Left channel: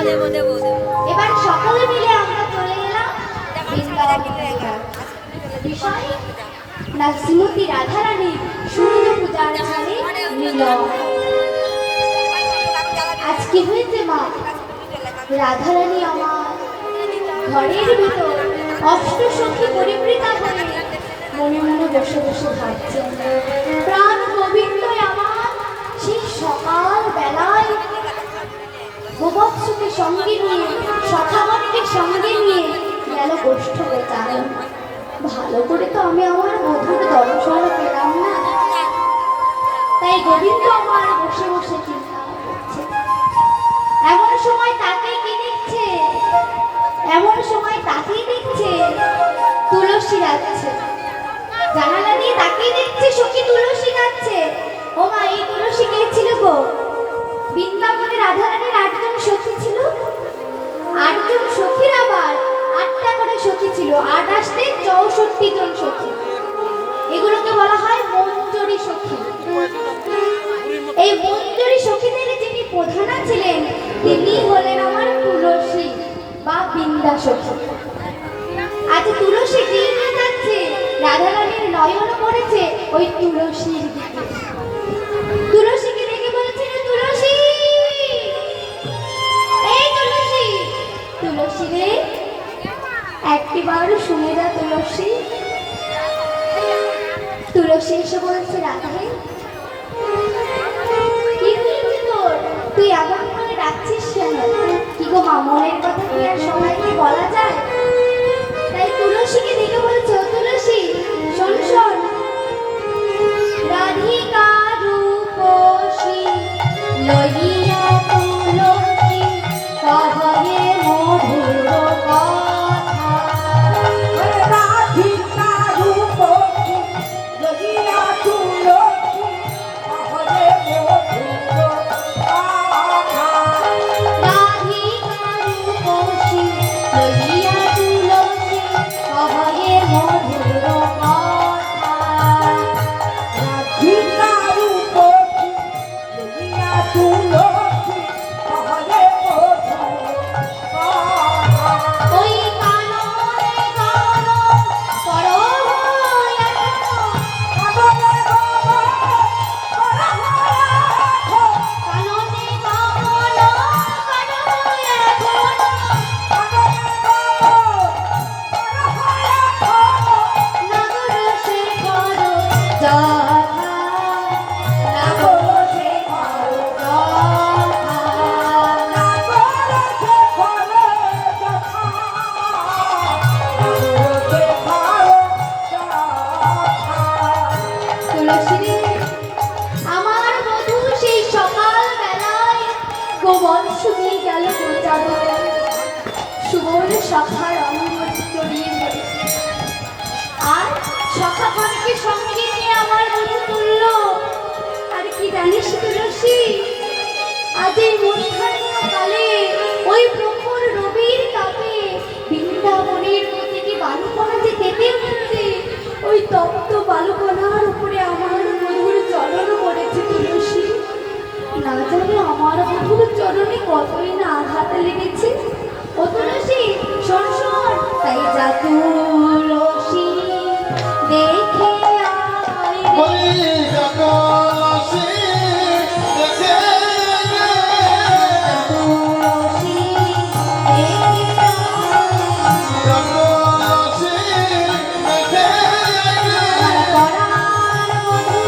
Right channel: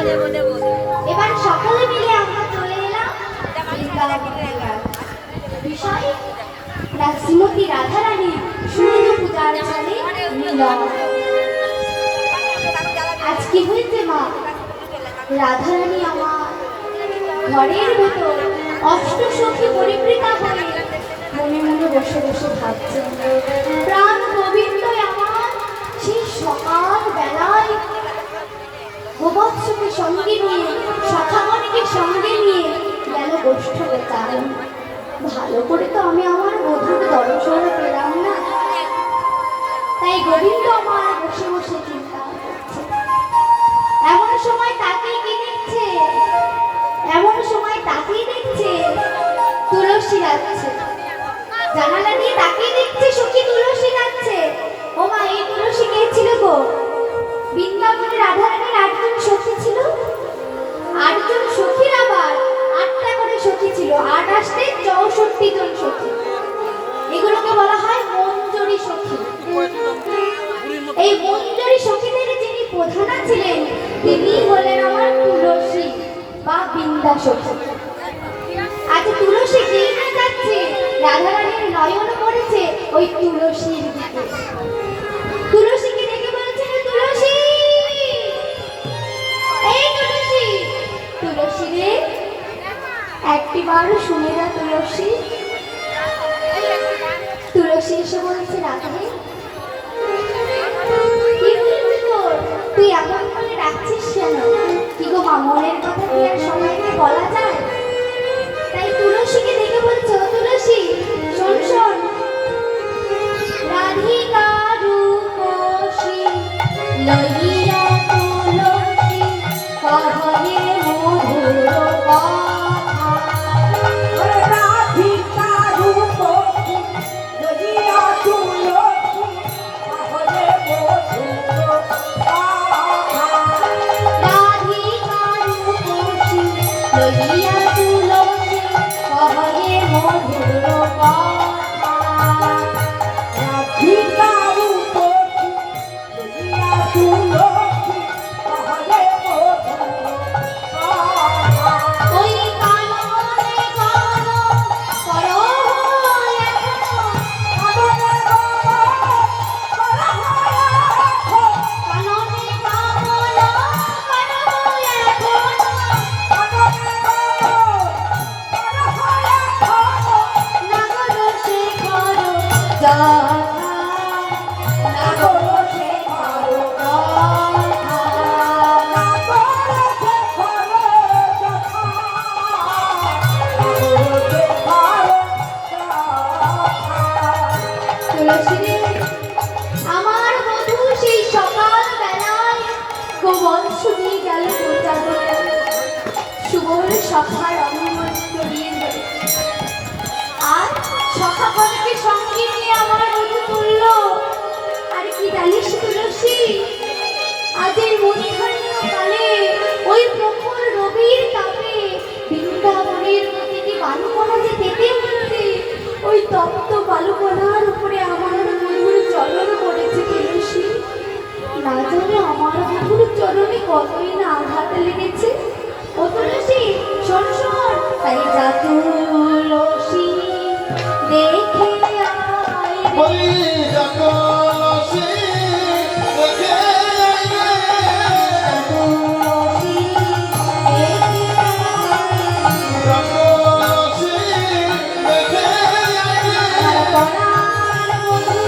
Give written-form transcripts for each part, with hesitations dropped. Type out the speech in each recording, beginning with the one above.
এবার সকালে মিলে আমরা চলে এলাম বৃন্দাবনের বিষয় না শ্রীমতী রাধারানী সূর্য পূজার ছাড়ে মিলন। আজ কি হয়েছে মা? রাধারানী আমার ঘরের ভেতর অষ্টসখী পরিবৃতা হয়ে মনে মনে বসে বসে ভাবছেন, প্রাণ গোবিন্দ আমার সেই সকাল বেলায় গোবৎসকে সঙ্গে নিয়ে সখাগণকে সঙ্গে নিয়ে গেল গোষ্ঠ গোচার। ভালো করে তো আমি আমার বধূর দর্শন পেলাম না, তাই গোবিন্দ আমার বসে বসে চিন্তা করছে। এমন সময় তাকে কি দেখছে, এমন সময় তাকেই দেখছে তুলসী যাচ্ছে, জানালা দিয়ে তাকেই দেখছে সখী তুলসী যাচ্ছে। ও মা, এই তুলসী কে ছিল গো? বৃন্দাবনে রাধারানীর 8 জন সখী ছিল। 8 জন সখীর আবার 8টা করে সখী ছিল, 8 আসতে 64 জন সখী। এগুলোকে বলা হয় মঞ্জরি সখী। এই মঞ্জরি সখীদের যিনি প্রধানা ছিলেন তিনি হলেন আমার তুলসী বা বৃন্দা সখী। আজ তুলসী দিকে যাচ্ছে, রাধারানীর নয়ন পড়েছে ওই তুলসীর দিকে। তুলসীকে দেখে বলছে, তুলসী, এই তুলসী, তুলসী রে একটিবার শুনে যা তুলসী। তুলসী এসে বলছে, রাধে কি হয়েছে তোর? তুই এমন করে ডাকছিস কেন? কি গো মা, মনের কথা কি আর সবাইকে বলা যায়? তাই তুলসীকে দেখে বলছে, তুলসী শোন শোন, রাধিকা রূপসী লইয়া তুলসী কহে মধুর কথা। রাধিকা রূপসী লইয়া তুলসী কহে মধুর কথা। রাধিকা রূপসী লইয়া তুলসী কহে মধুর কথা। রাধিকা রূপসী লইয়া তুলসী কহে মধুর কথা। ওই কাননে গান করো এখনো, কাননে গান করো এখনো, কাননে গান করো এখনো, কাননে গান করো এখনো। নাগর শেখর যাথা, নাগর শেখর যাথা, নাগর শেখর যাথা, নাগর শেখর যাথা। তুলসী রে, আমার বধূ সেই সকাল বেলায় গোবৎস নিয়ে গেল গোচার। সুবর্ণ সখার অনুমতি জড়িয়ে ধরে আর সখাগণকে সঙ্গে নিয়ে আমার বধূ তুলল। আর কি জানিস তুলসী, আজ এই মধ্যাহ্ন কালে ওই প্রখর রবির তাপে বৃন্দাবনের প্রতিটি বালুকণা যে পেতে উঠছে, ওই তপ্ত বালুকণার উপরে আমার বধূর চরণ পড়েছে তুলসী। না জানি আমার বধূর চরণে কতই না আঘাত লেগেছে। ও তুলসী শোন শোন, তাই যা তুলসী দেখে আয় রে। ওই জগলসী দেখে আইবে, তুলসী দেখে আয় রে। জগলসী দেখে আইবে। পরাণ বধূ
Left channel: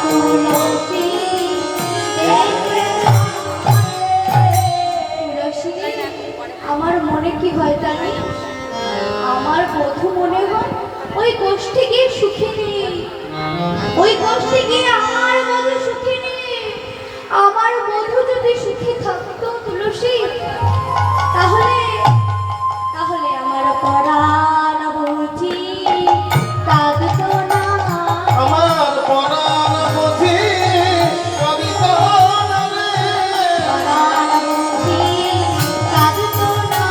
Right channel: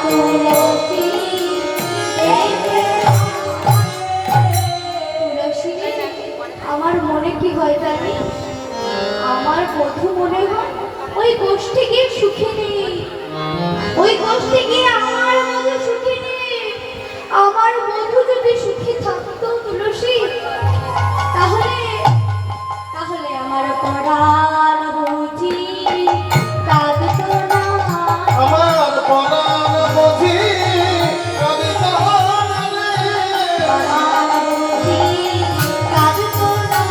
তুলসী তুলসী আমার মনে কি হয় জানি, আমার বধূ মনে হয় ওই গোষ্ঠী গিয়ে সুখী নেই, ওই গোষ্ঠী গিয়ে আমার বধূ সুখী নেই। আমার বধূ যদি সুখী থাকতো তুলসী, তাহলে তাহলে আমার পরাণ বুঝি কাঁদতো না। আমার পরাণ বুঝি কাঁদিত না রে। পরাণ বুঝি কাঁদতো না।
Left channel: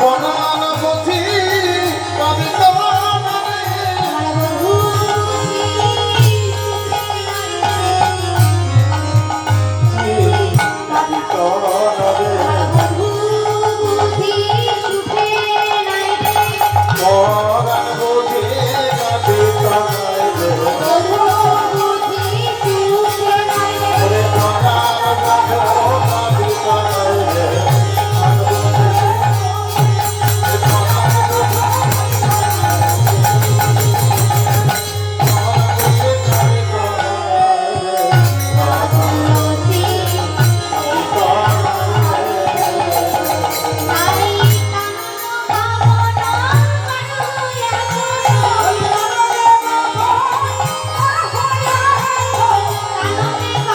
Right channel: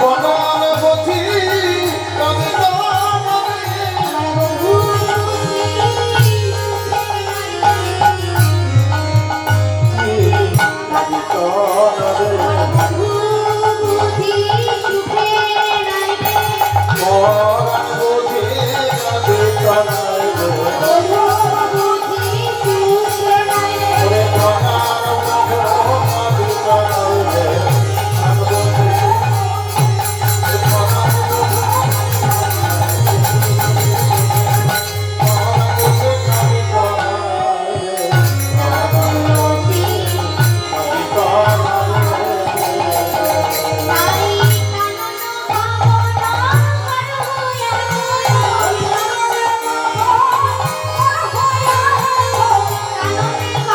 পরাণ বুঝি কাঁদিত না রে। আমার বধূ বুঝি কাঁদিত না রে। বধূ বুঝি সুখে নাই রে। পরাণ বুঝি কাঁদিত না রে। বধূ বুঝি সুখে নাই রে। ওরে পরাণ বুঝি কাঁদিত না রে। তুলসী তাই কানন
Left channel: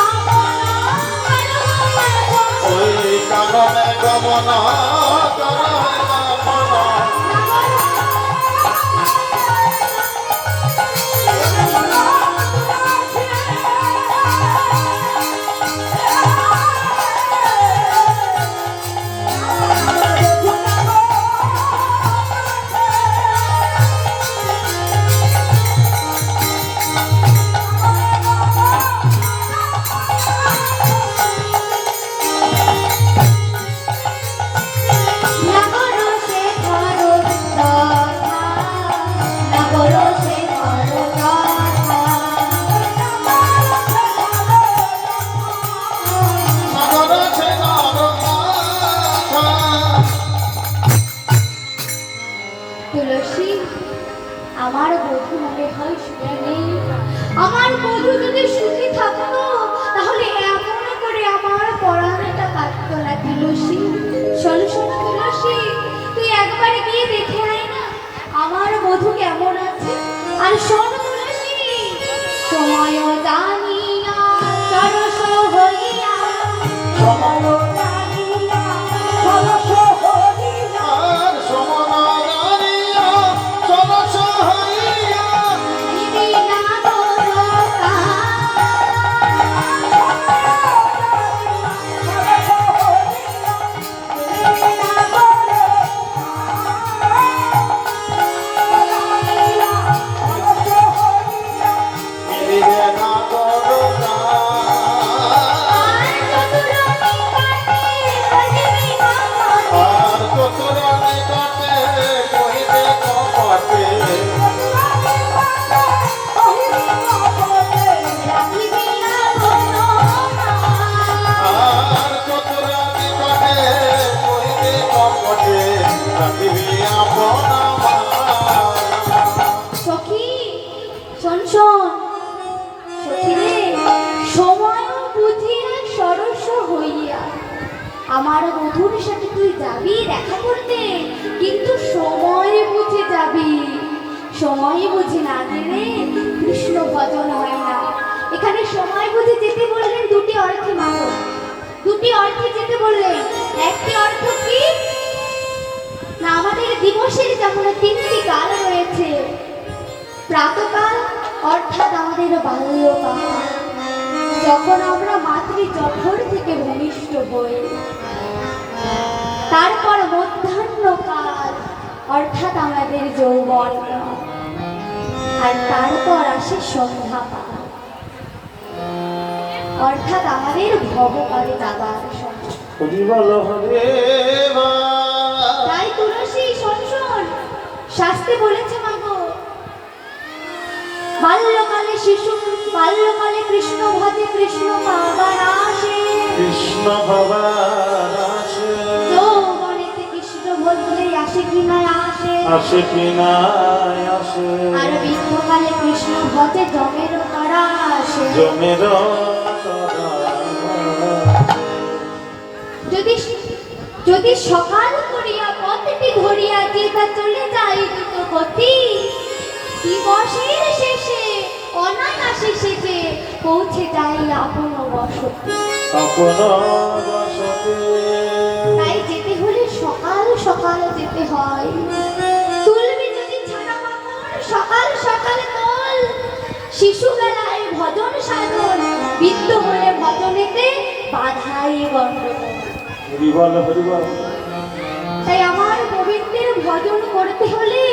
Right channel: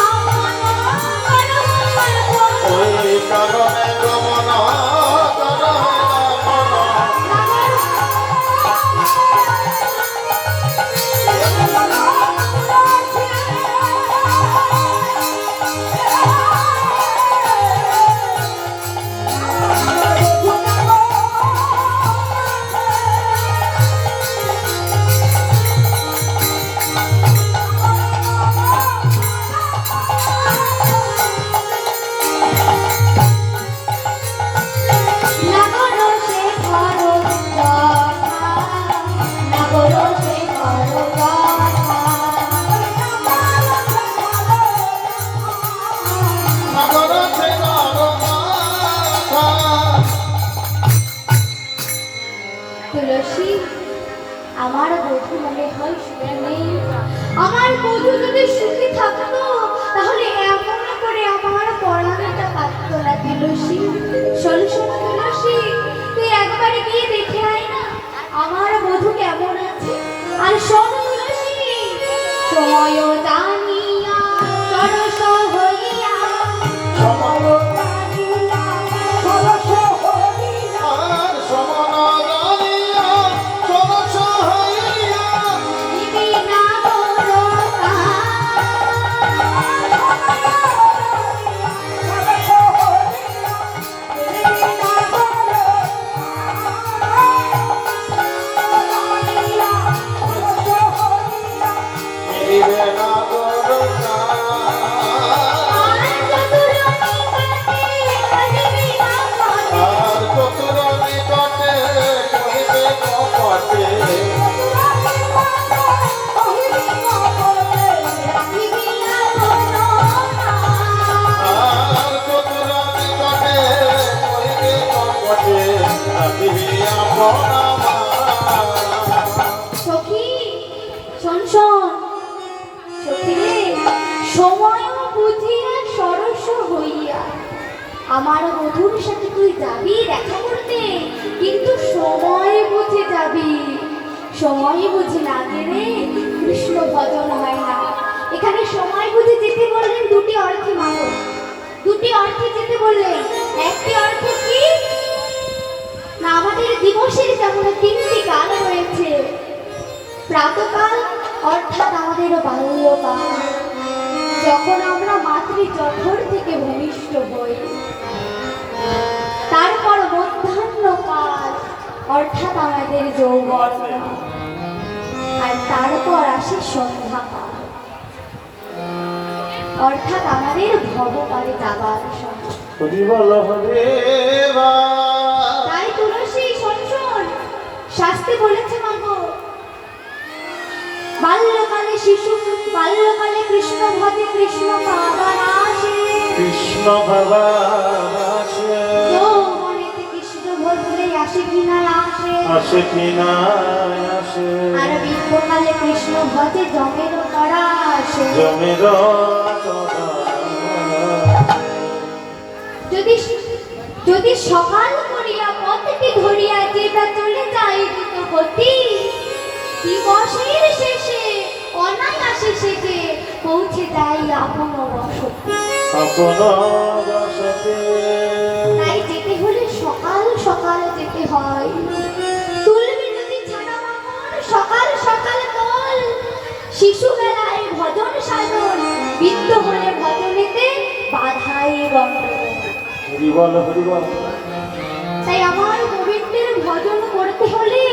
কামনা ওই কারণে গমনা তুলসী আমার বধূ মনে হয় সুখী নেই। আমার বধূ যদি সুখী থাকতো তাহলে এমন করে আমার পড়ানোটা কাটতো না। তুলসী শোন শোন তুলসী, তুই একবার গিয়ে দেখে আয় না আমার বধূ কেমন আছে। আর শোন তুলসী, সময় জানিয়া সরস হইয়া আর সমনারানিয়া সরস হইয়া দিবি না দরকা। মিলিবে না করুণা। আর চতুর নিকটে কহিবে কপটে। আর চতুর নিকটে কহিবে কপটে। রাখিবি আপনা সখী শোন শোন সখী রে, সময় বুঝিয়া সরস হইয়া আমার বধূর সাথে তুই যাবি দেখা করতে, কিন্তু সময় বুঝে যাবি। সময় বুঝে না গেলে কৃষ্ণ ভজন হয় না। এখানে সময় বুঝে যেতে বললেন দুটি অর্থে মাগো, দুটি অর্থে যেতে বললেন। একটি অর্থ কি না, আমাদের দিবসের যেমন তিনটি কাল রয়েছে। প্রাতকাল অর্থাৎ আমাদের বাল্যকাল, যখন আমরা মাতৃজঠর থেকে ভূমিষ্ঠ হই। তারপর মধ্যাহ্নকাল অর্থাৎ আমাদের যৌবনকাল। আর তারপর আসে সন্ধ্যাকাল অর্থাৎ আমাদের ভবকালে যাবার সময়। হরি বল হরে তাই তুলসী শোন শোন, শাস্ত্রে বলেছে মাগো, বাল্যকালে শিশু বাল্যকালে কৃষ্ণ ভজে কৃষ্ণ পাবার আসে। কৃষ্ণ ভগবান আসে। যৌবনেতে কৃষ্ণ ভজলে আসে কি না আসে। আসে কি না আসে। আর বৃদ্ধকালে কৃষ্ণ ভজে জমের করা আসে। জমির যদি যদি সকাল করিয়া পথটি ধরিয়া যেটা চলে যায় দ্রুত গতি, দিবসের শেষে অনায়াসে সেজে পৌঁছে যায় আপন বসতি। আপন বসতে তাই যেতে হলে সকাল সকাল যেতে হয়। তুলবি যদি ছাড়া বামন, সকাল সকাল তোল। শিশুবেলায় ভজন সাধন, বৃদ্ধ হলে ভজনেতে বাধাই গণ্ডগোল। হরিবল হরিবল। তাই আমার গোবিন্দের ভজন করতে হলে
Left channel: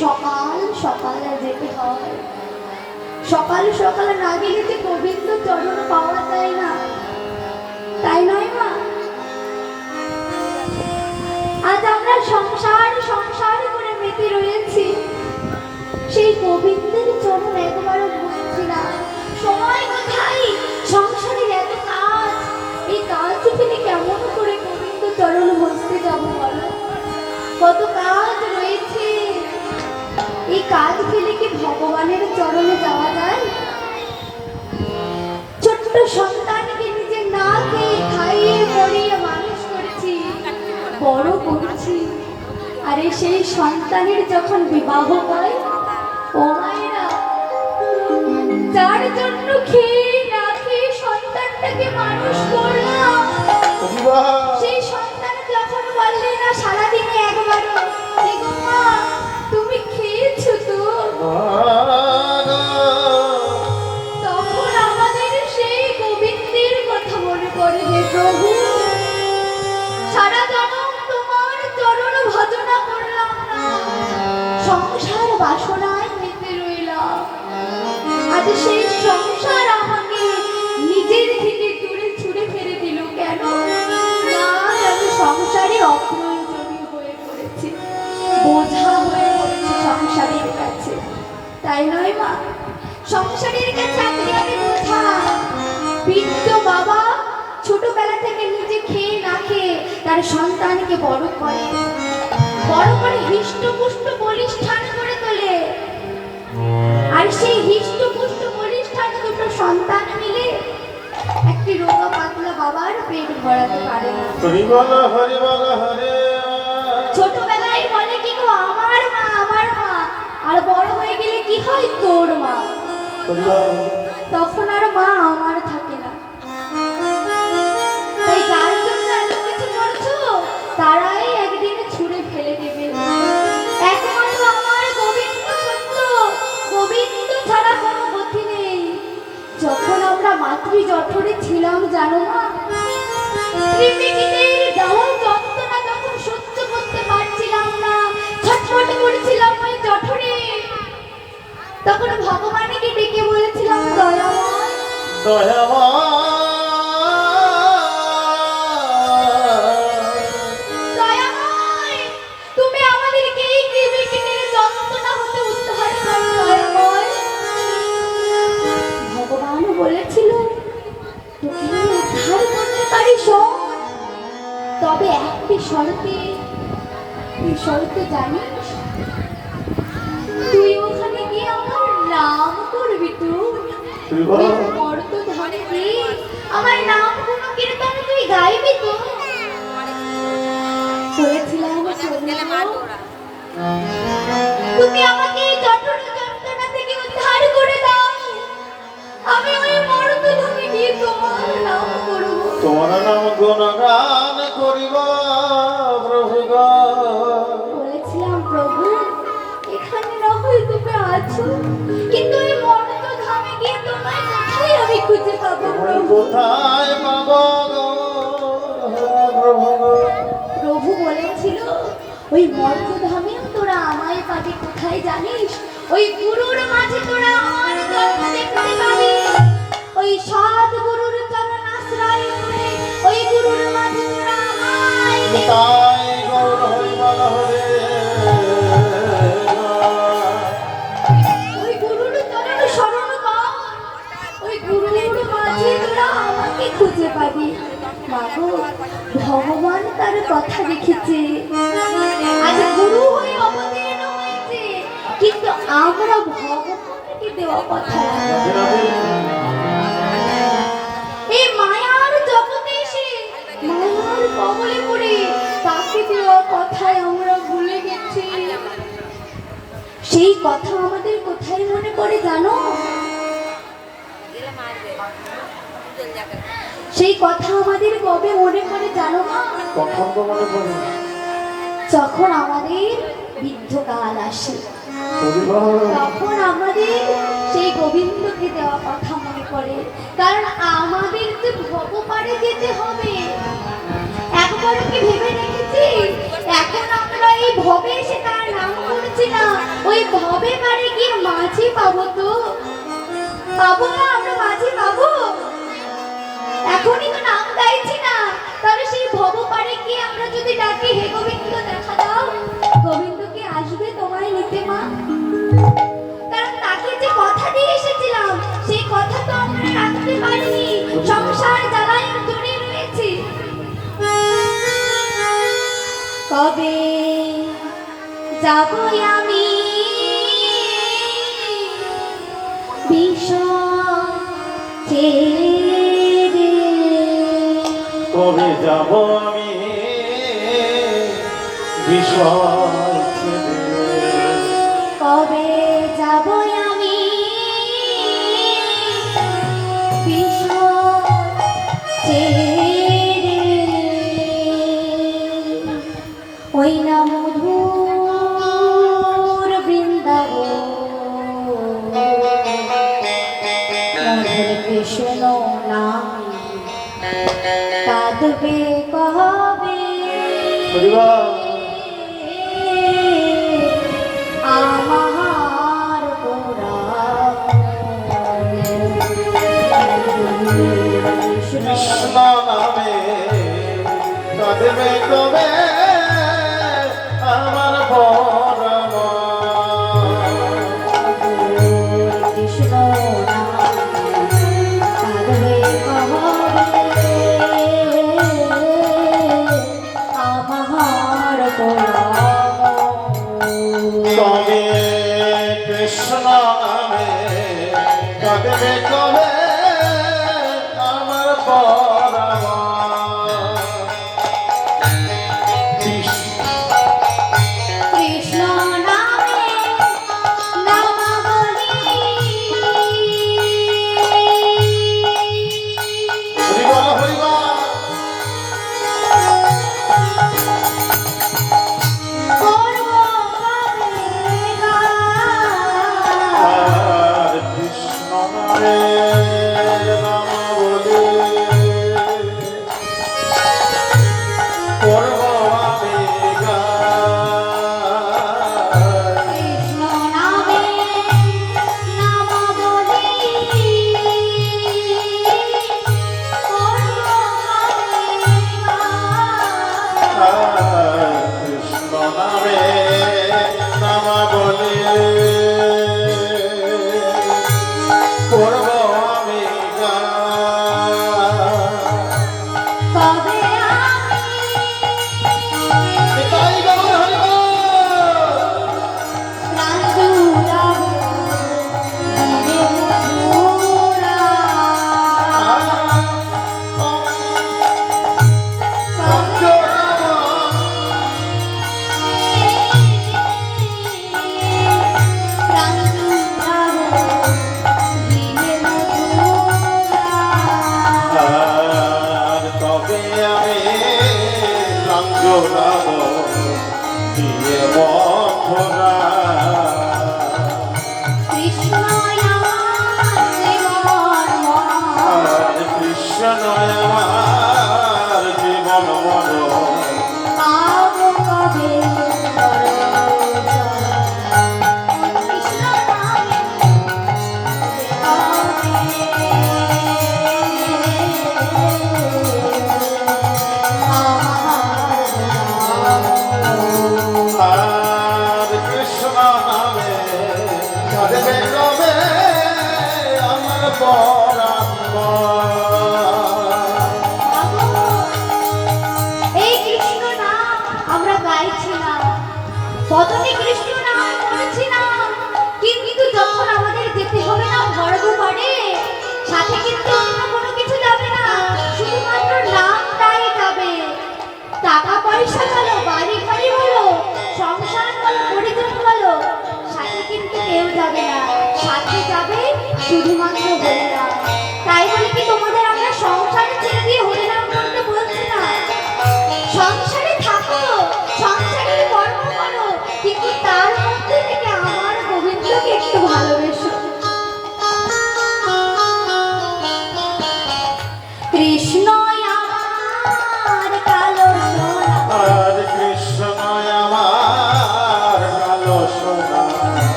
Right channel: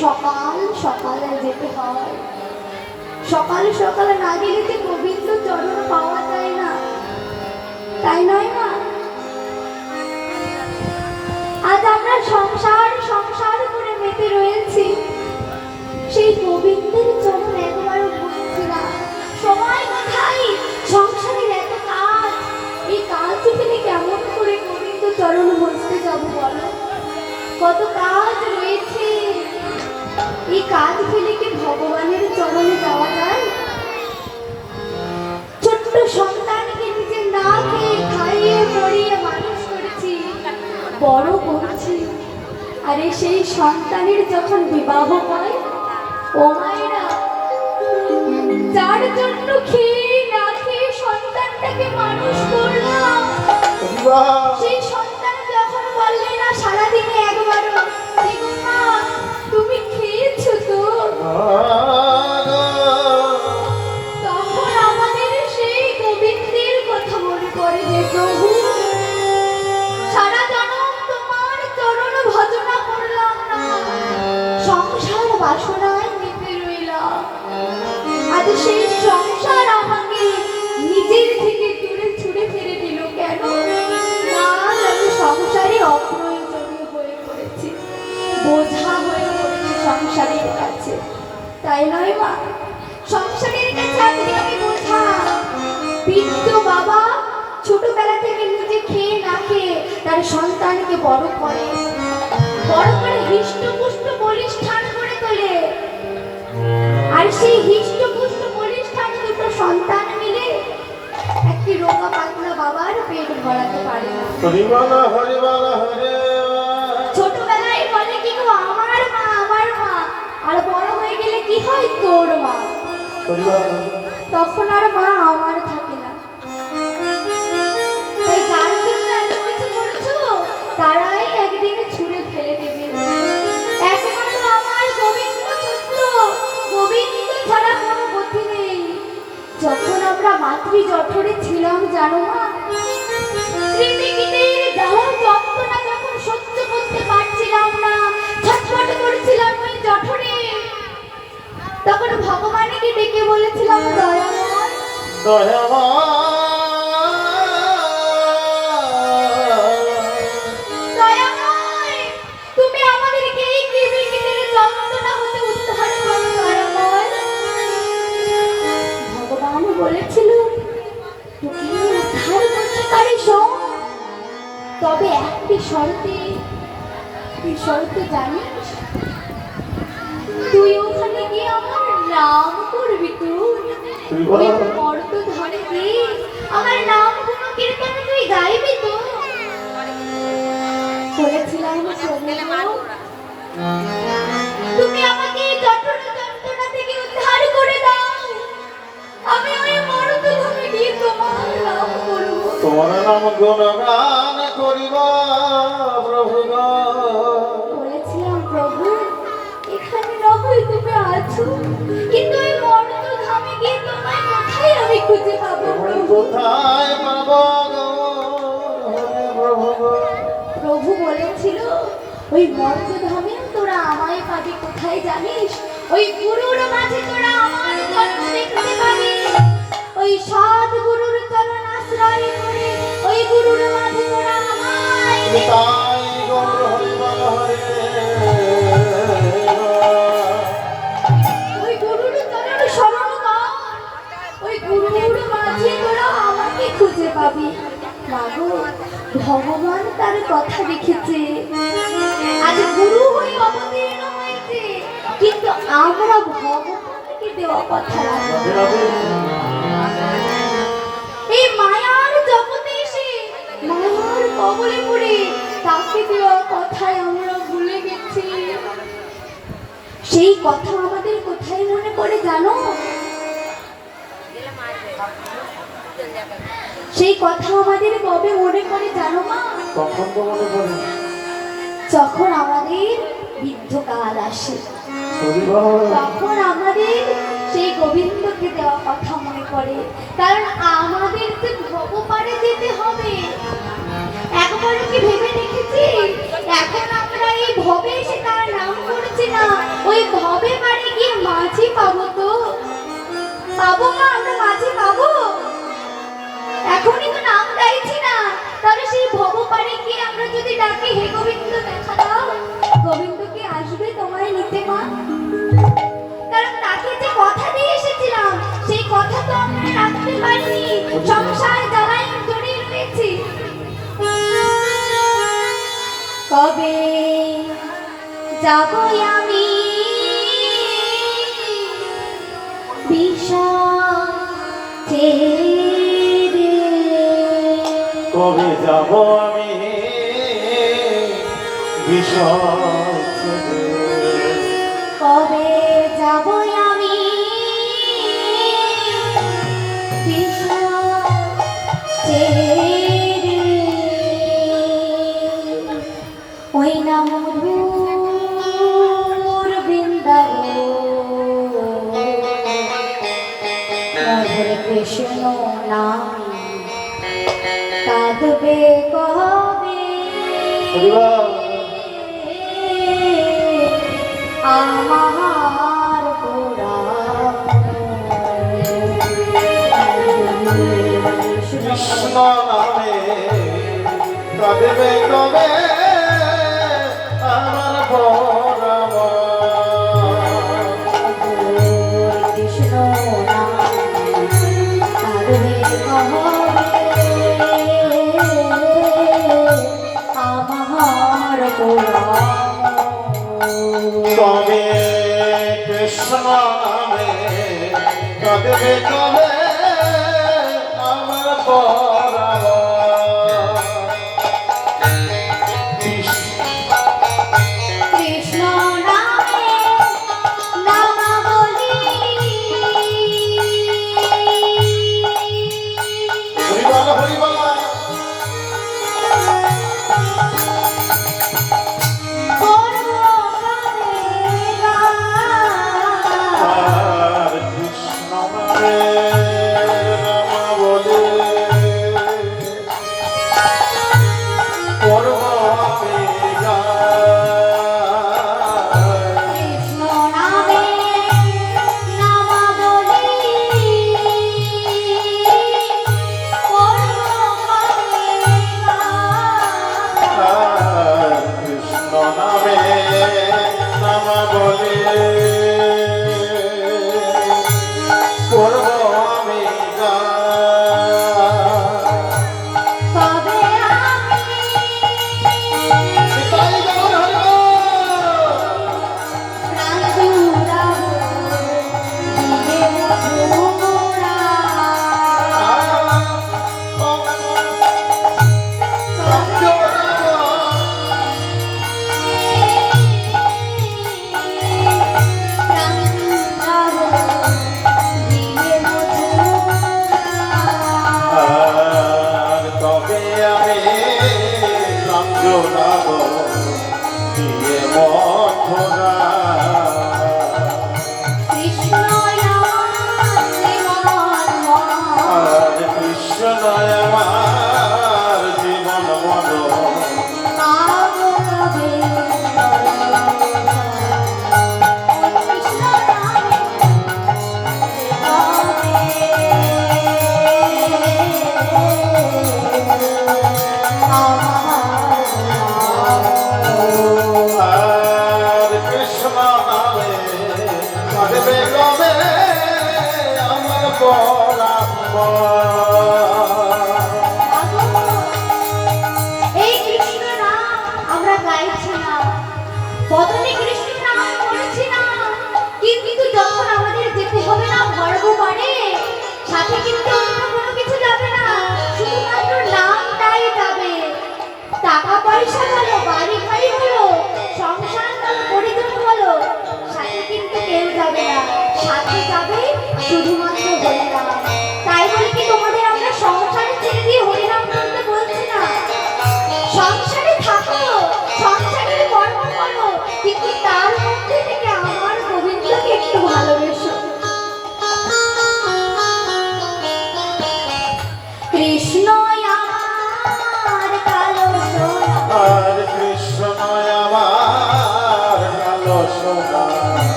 সকাল সকাল যেতে হয়। সকাল সকাল না গেলে যে গোবিন্দ চরণ পাওয়া যায় না, তাই নয় মা? আজ আমরা সংসার সংসার করে মেতে রয়েছি, সেই গোবিন্দের চরণ একবারও ভুলছি না। সময় কোথায়? সংসারের এত কাজ, এই কাজ ফেলে কেমন করে গোবিন্দ চরণ বসতে যাবো বলো? কত কাজ রয়েছে, এই কাজ ফেলে কি ভগবানের চরণে যাওয়া যায়? ছোট্ট সন্তানকে নিজে না খেয়ে খাইয়ে পড়িয়ে মানুষ করেছি, বড় করছি। আরে সেই সন্তানের যখন বিবাহ হয়, ও মায়েরা, যার জন্য খেয়ে না খেয়ে সন্তানটাকে মানুষ করলাম, সেই সন্তান যখন বললে না সারাদিনে একবারও, "দেখো মা, তুমি খেয়েছো তো?" তখন আমাদের সেই গোবিন্দের কথা মনে পড়ে, হে প্রভু, সারা জনম তোমার চরণ ভজনা করলাম না, সংসার বাসনায় মেতে রইলাম। আজ সেই সংসার আমাকে নিজের থেকে দূরে ছুড়ে ফেলে দিল কেন? না, আমি সংসারে অপ্রয়োজনীয় হয়ে পড়েছি, বোঝা হয়ে পড়েছি সংসারের কাছে, তাই নয় মা? সংসারের কাছে আপনি আমি বোঝা। বৃদ্ধ বাবা ছোটবেলা থেকে নিজে খেয়ে না খেয়ে তার সন্তানকে বড় করে, বড় করে হৃষ্টপুষ্ট বলিষ্ঠান করে তোলে। আর সেই হৃষ্টপুষ্ট বলিষ্ঠান দুটো সন্তান মিলে একটি রোগা পাতলা বাবার পেট ভরাতে পারে না। হরিবল হরিবল হরে। ছোটবেলায় বলে কি গো, আমার মা, আমার মা, আর বড় হয়ে গেলে কি হয়, তোর মা। তখন আর মা আমার থাকে না। তাই যার জন্য এত কিছু করছো, তারাই একদিন ছুঁড়ে ফেলে দেবে। একমাত্র আমার গোবিন্দ সত্য, গোবিন্দ ছাড়া কোনো গতি নেই। যখন আমরা মাতৃ জঠরে ছিলাম জানো মা, ত্রিপিটকের জ্বালা যন্ত্রণা তখন সহ্য করতে পারছিলাম না, ছটফট করছিলাম ওই জঠরে। তখন ভগবানকে ডেকে বলেছিলাম, দয়াময়, দয়াময়, তুমি আমাদেরকে এই ত্রিপিটকের যন্ত্রণা হতে উদ্ধার করো দয়াময়। ভগবান বলেছিল, তোকে উদ্ধার করতে পারি শোন, তবে একটি শর্তে। তুই শর্ত জানিস? তুই ওখানে গিয়ে আমার নাম করবি, তুই মর্তধামে গিয়ে আমার নাম গুণ কীর্তন তুই গাইবি তো। বলেছিলাম, তুমি আমাকে এই জঠর যন্ত্রণা থেকে উদ্ধার করে দাও, আমি ওই মর্তধামে গিয়ে তোমার নাম করব, তোমার নাম গুণগান করিব প্রভু। বলেছিলাম, প্রভু এখানে না হয় তুমি আছো, কিন্তু ওই মর্তধামে গিয়ে তোমায় কোথায় আমি খুঁজে পাবো প্রভু? কোথায় পাব প্রভু? প্রভু বলেছিল, ওই মর্তধামে তোরা আমায় পাবি কোথায় জানিস? ওই গুরুর মাঝে তোরা আমার চরণ দেখতে পাবি। ওই সৎ গুরুর চরণ আশ্রয় করে ওই গুরুর মাঝে তোরা আমায় দেখতে তাই গৌর হরিবল হরে। ওই গুরুর চরণ শরণ কর, ওই গুরুর মাঝে তোরা আমাকে খুঁজে পাবি। মাগো, ভগবান তার কথা রেখেছে, আজ গুরু হয়ে অবতীর্ণ হয়েছে, কিন্তু আমরা ভগবানকে দেওয়া কথা রাখবো। কবলে পড়ে তাকে দেওয়া কথায় আমরা ভুলে গেছি। সেই কথা আমাদের কোথায় মনে পড়ে জানো? সেই কথা আমাদের কবে মনে পড়ে জানো মা? কখন তো মনে পড়ে? যখন আমাদের বৃদ্ধকাল আসে, পরিবার তখন আমাদের সেই গোবিন্দকে দেওয়া কথা মনে পড়ে। কারণ আমাদের যে ভবপারে যেতে হবে, একবারও কি ভেবে দেখেছি? এখন আমরা এই ভবে এসে তার নাম করছি না, ওই ভবে পারে গিয়ে মাঝি পাবো তো? পাবো না? আমরা মাঝি পাবো? এখনই তো নাম গাইছি না, তাহলে সেই ভবপারে গিয়ে আমরা যদি ডাকি হে গোবিন্দ দেখা দাও, গোবিন্দ কি আসবে তোমায় নিতে মা? কারণ তাকে যে কথা দিয়ে এসেছিলাম, সেই কথা তো আমরা রাখতে পারিনি, সংসার জ্বালায় জড়িয়ে রয়েছি। কবে যাব আমি বিষম ছেড়ে, কবে যাব আমি বিষয় ছেড়ে? কবে যাব আমি বিষম ছেড়ে, ওই না মধুর বৃন্দাবন, মধুর কৃষ্ণ নাম কাঁদবে কবে পরিবার আমার পুরাণ। কৃষ্ণ নামে কাঁদবে কবে আমার পরম? কৃষ্ণ নাম কাঁদবে কবে আমার পুরাণ। কবে কৃষ্ণ নামে কাঁদবে কবে আমার পরম? কৃষ্ণ নামে নামাবলী, হরিবল হরিবল করব কবে গান। আর কৃষ্ণ নামে নাম বলে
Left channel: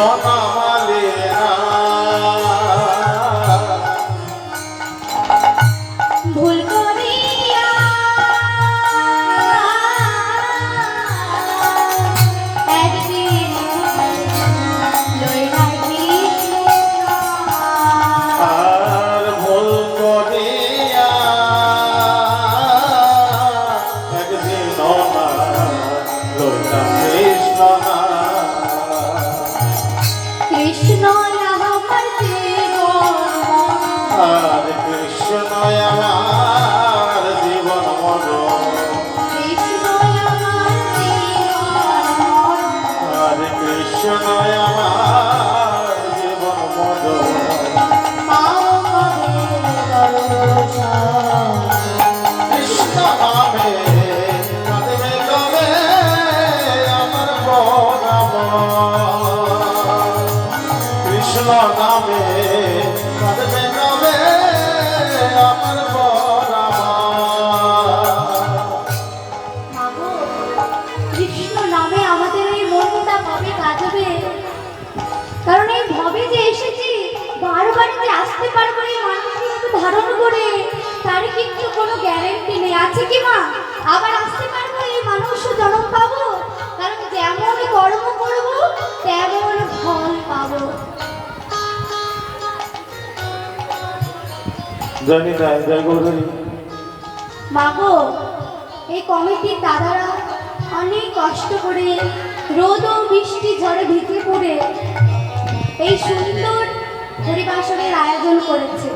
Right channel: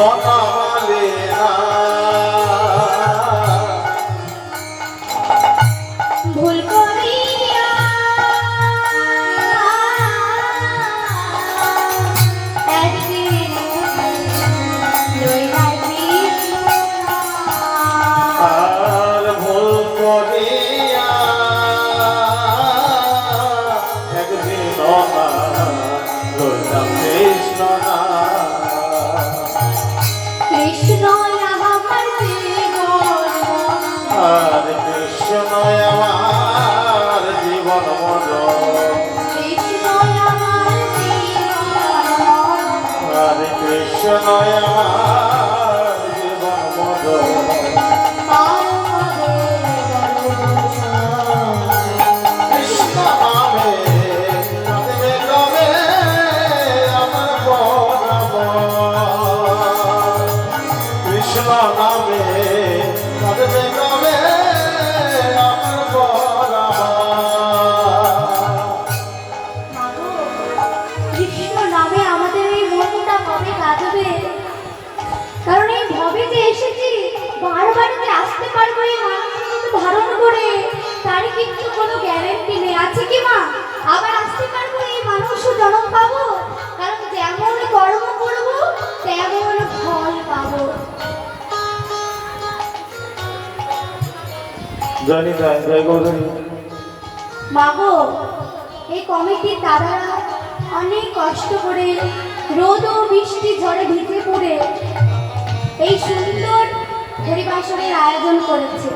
বনমালী ভুল করিয়া একদিন লইলা কৃষ্ণ আর ভুল করিয়া একদিন না লইলাম কৃষ্ণ না। কৃষ্ণ আমার জীবন আর কৃষ্ণ আমার জীবন মন, কৃষ্ণ আমার জীবন আর কৃষ্ণ আমার জীবন মন। কৃষ্ণ নামে কাঁদবে কবে আমার বনম, কৃষ্ণ নামে কাঁদবে কবে আমার বনম। কৃষ্ণ নামে আমাদের এই মনটা কবে কাঁদবে? কারণ এই ভবে যে এসেছি বারবার যে আসতে পারবো এই মানুষকে ধারণ করে তার কিন্তু কোনো গ্যারেন্টি নেই, আছে কি মা? আবার আসতে পারবো এই মানুষ জন্ম পাবো? কারণ যেমন কর্ম করবো তেমন ফল পাবো। জানি তাই জয় গৌরী। মাগো, এই কমিটির দাদারা অনেক কষ্ট করে রোদ ও বৃষ্টি ঝড়ে ভিজে পড়ে এই সুন্দর পরিবাসনের আয়োজন করেছে।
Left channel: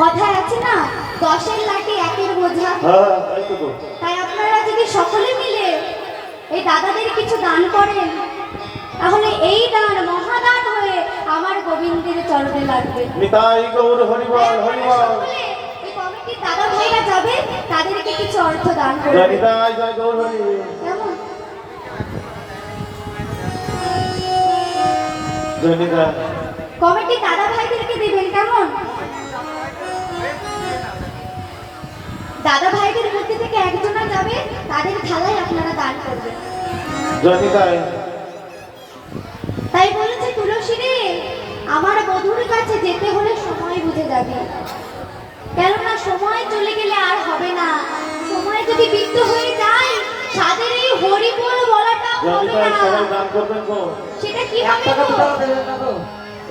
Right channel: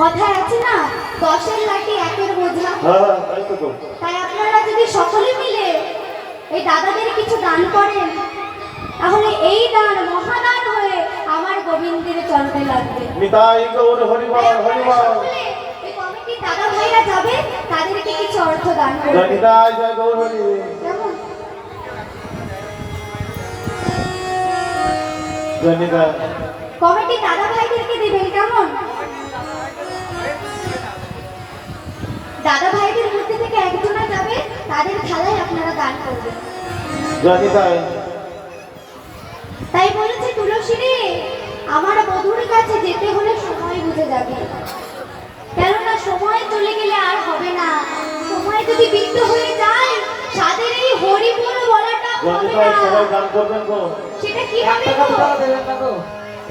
কথায় আছে না, 10-এর লাঠি 1-এর বোঝা। হ্যাঁ তাই তো গো। তাই আপনারা যদি সকলে মিলে এই দাদাদের কিছু দান করেন তাহলে এই দান মহাদান হয়ে আমার গোবিন্দের চরণে লাগবে। নিতাই গৌর তাই হরিবল আপনারা হরিবল। সকলে এই কমিটির দাদা ভাইরা যাবে, তাদেরকে কিছু অর্থ দান জয় করবে। নিতাই জয় গৌর হরি। কেমন? জয় নিতাই। কমিটি দাদা ভাইদেরকে দিবেন, কেমন? দাদা ভাইদের মধ্যে থেকে একজনা যাবে, তাদের থালায় আপনারা দান করবেন। জয় নিতাই। তাই বলেছে তুলসী রে, আমার বধুর কাছে যেতে হলে সময় বুঝে যাবে, কেননা সময় চলে গেলে আর হবে না। সময় যদি বৃদ্ধ হয়ে যায় সাদের এই হরিবোল বলাটা জয় হবে নিতাই। না। সবাই দান করবেন গো। সেটা কি 1 হবে টাকা গো? 2 টাকা দেবেন না গো,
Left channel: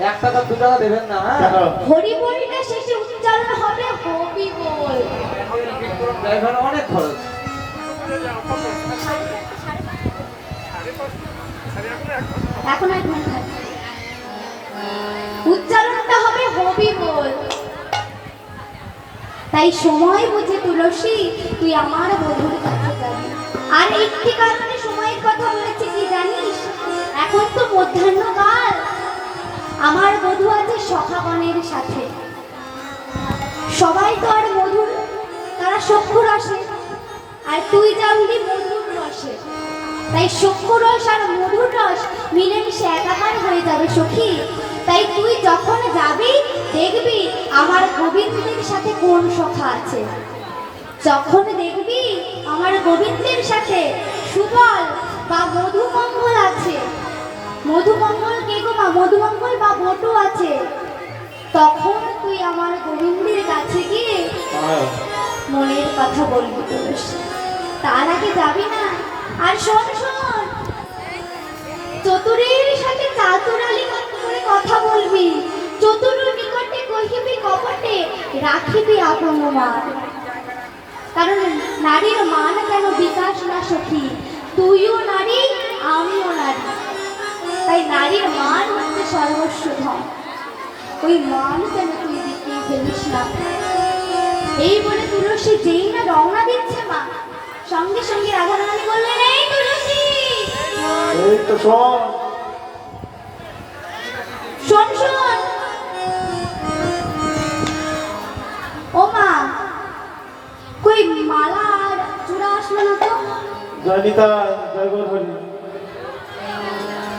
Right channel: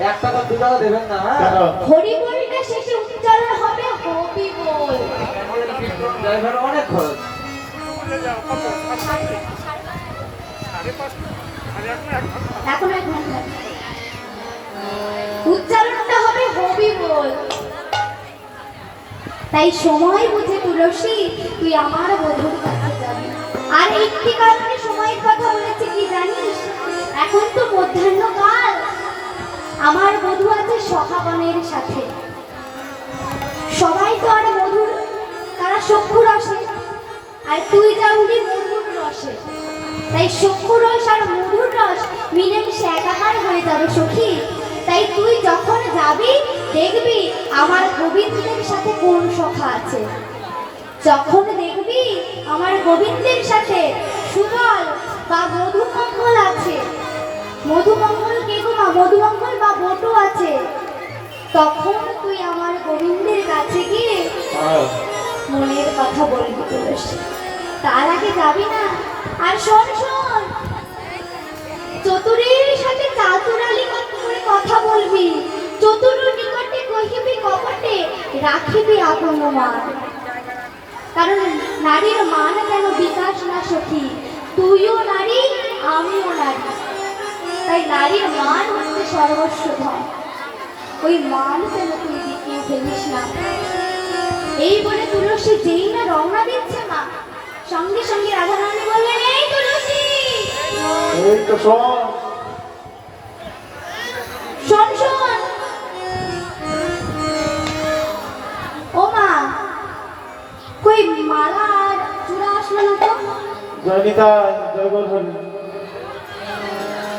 1 টাকা 2 টাকা দেবেন না। কেন? হরিবোলটা শেষে উচ্চারণ হবে হবি বল। ড্রাইভার অনেক খরচ। এখন আর ঘুম থাকে। উচ্চারণটা হবে হবি বল। তাই সময় বুঝে তুলসী তুই আমার বধুর কাছে যাবি। আর একটি কারণে সময়ের কথা বলেছে কি জানিস? এখন তো মধ্যাহ্নকাল, আমার বধূ আছে সখাগণের সাথে। সবাই তো আর মধুর, তারা চক্ষু রসে, আর তুই যাবি মধুর রসে। তাই চক্ষু রস আর মধুর রস মিলেমিশে একাকার হয়ে যাবে সখী। তাই তুই যখন যাবি দেখবি আমার গোবিন্দের সাথে কোন সখা আছে। যখন দেখবি আমার গোবিন্দের সাথে সুবল বা মধুমঙ্গল আছে, মধুমঙ্গল কে গো মা? মধুমঙ্গল বা বটু আছে, তখন তুই আমার গোবিন্দের কাছে গিয়ে হ্যাঁ। মনের কথা বলবি তুলসী। তার আগে যাবি না। আর শোন শোন, চতুরের সাথে চাতুরালি করে কথা বলবি। চতুর নিকটে কহিবি কপটে, রাখিবি আপন মান। কারণ নারীর মান কেন বিকাশ না সখী, তুইও নারী আমিও নারী। তাই নারীর মান হচ্ছে সর্বস্ব ধন, ওই মান যেন তুই দেখিয়ে ফেলিস না। এই বলে তুলসী যেই না রওনা দিচ্ছে মা, সঙ্গে সঙ্গে রাধারানী বললেন, এই তুলসী এই তো শোন। শোন শোন। ও মা, কই মালা আর চূড়া আসলো না তো? জয় নিতাই জয় গৌর হরি।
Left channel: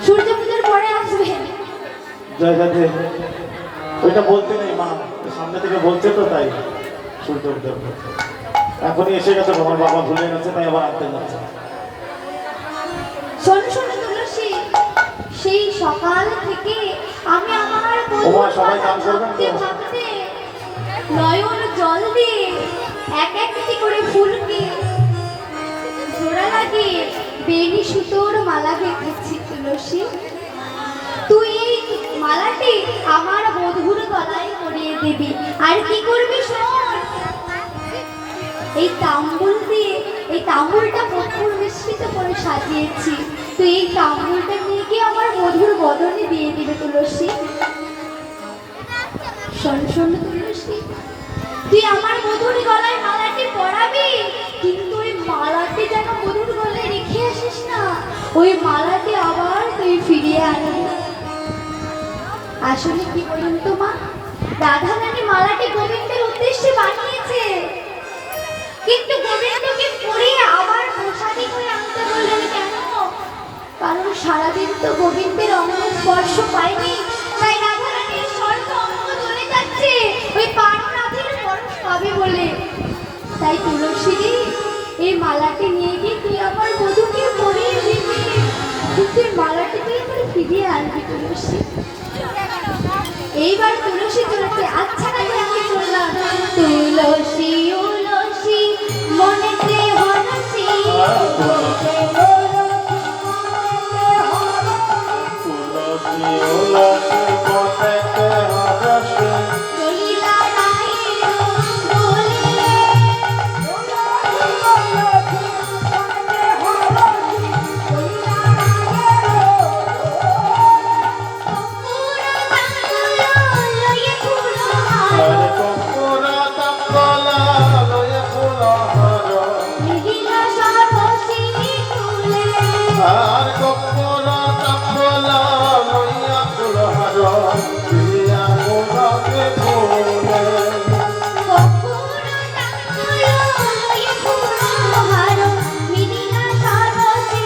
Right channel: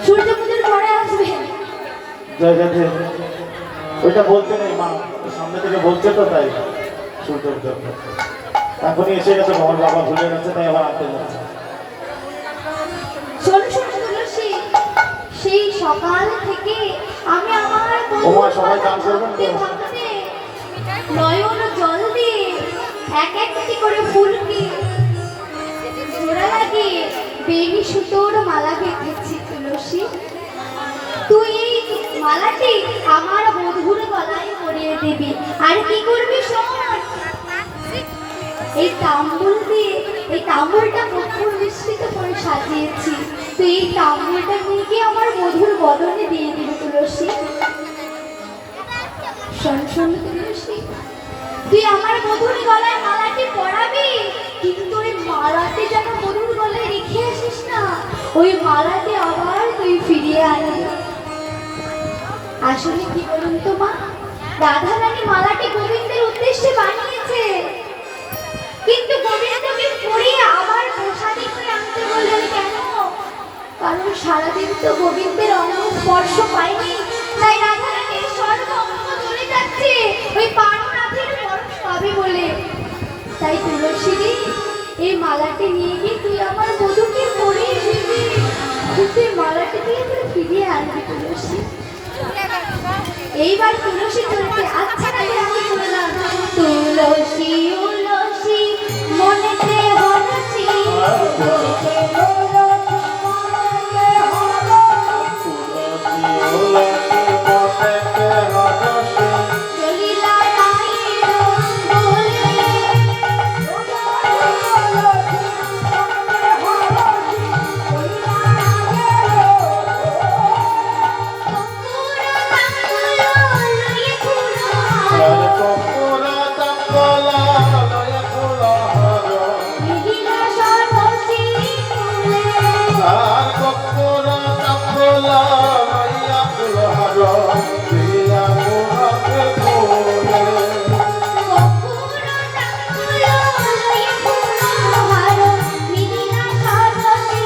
সূর্য পুজোর পরে আসবে। জয় রাধে। ওইটা বলতে নেই মা, সামনে থেকে বলছে তো তাই। শুনতে হতে এখনই এসে গেছে, আমার বাবা ভুলে গেছে তাই আবার আনতে যাচ্ছে। শোন শোন তুলসী, সেই সকাল থেকে আমি আমার ওমা, সবাই গান করবেন তো? ভাবতে নয়ন জল দিয়ে এক একটি করে ফুলকে জোড়া লাগিয়ে বেনি সুতোর মালা গেঁথেছি তুলসী। তুই এই মালাটি আমার বধুর গলায় পরিয়ে দিবি। আর কি করবি শোন, এই তাম্বুল দিয়ে, এই তাম্বুলটা কর্পূর মিশ্রিত করে সাজিয়েছি, তুই এই তাম্বুলটা নিয়ে গিয়ে আমার বধুর বদনে দিয়ে দিবি তুলসী। শোন শোন তুলসী, তুই আমার বধুর গলায় মালাটি পরাবি, কিন্তু ওই মালাটি যেন বধুর গলায় রেখে আসিস না, ওই মালাটি আবার তুই ফিরিয়ে আনবি। আসলে কি বলুন তো মা, রাধা রানী মালাটি গোবিন্দের উদ্দেশ্যে বানিয়েছে, কিন্তু গোবিন্দকে পরিয়ে আবার প্রসাদী করে আনতে বললেন কেন? কারণ সারাদিন তো গোবিন্দের অনন্য স্পর্শ পায়নি, তাই রাধা রানীর সর্ব অঙ্গ জ্বলে যাচ্ছে ওই পারনাথের পরশ পাবে বলে। তাই তুলসী, এই মালাটি নিয়ে গিয়ে তুই আমার বধূকে পরিয়ে দিবি, কিন্তু এই মালাটি তুই আমার ফিরিয়ে আনবি তুলসী। এইবার তুলসী চলেছে, আচ্ছা নাকি আমি বললাম তুলসী উলসী মনেতে হরসী, তুলসী উলসী মনেতে হরসী, চলিলা রায়ের বলে আর কর্পূর তাম্বলা লয়ে ফুলহার, মিহিলা সরসী ফুলে আর কর্পূর তাম্বলা লইয়া ফুলহার, প্রিয়া গোলাপে ফুলে। কপুর তাম্বুল লয়ে ফুলহার, মিহিলা সরসী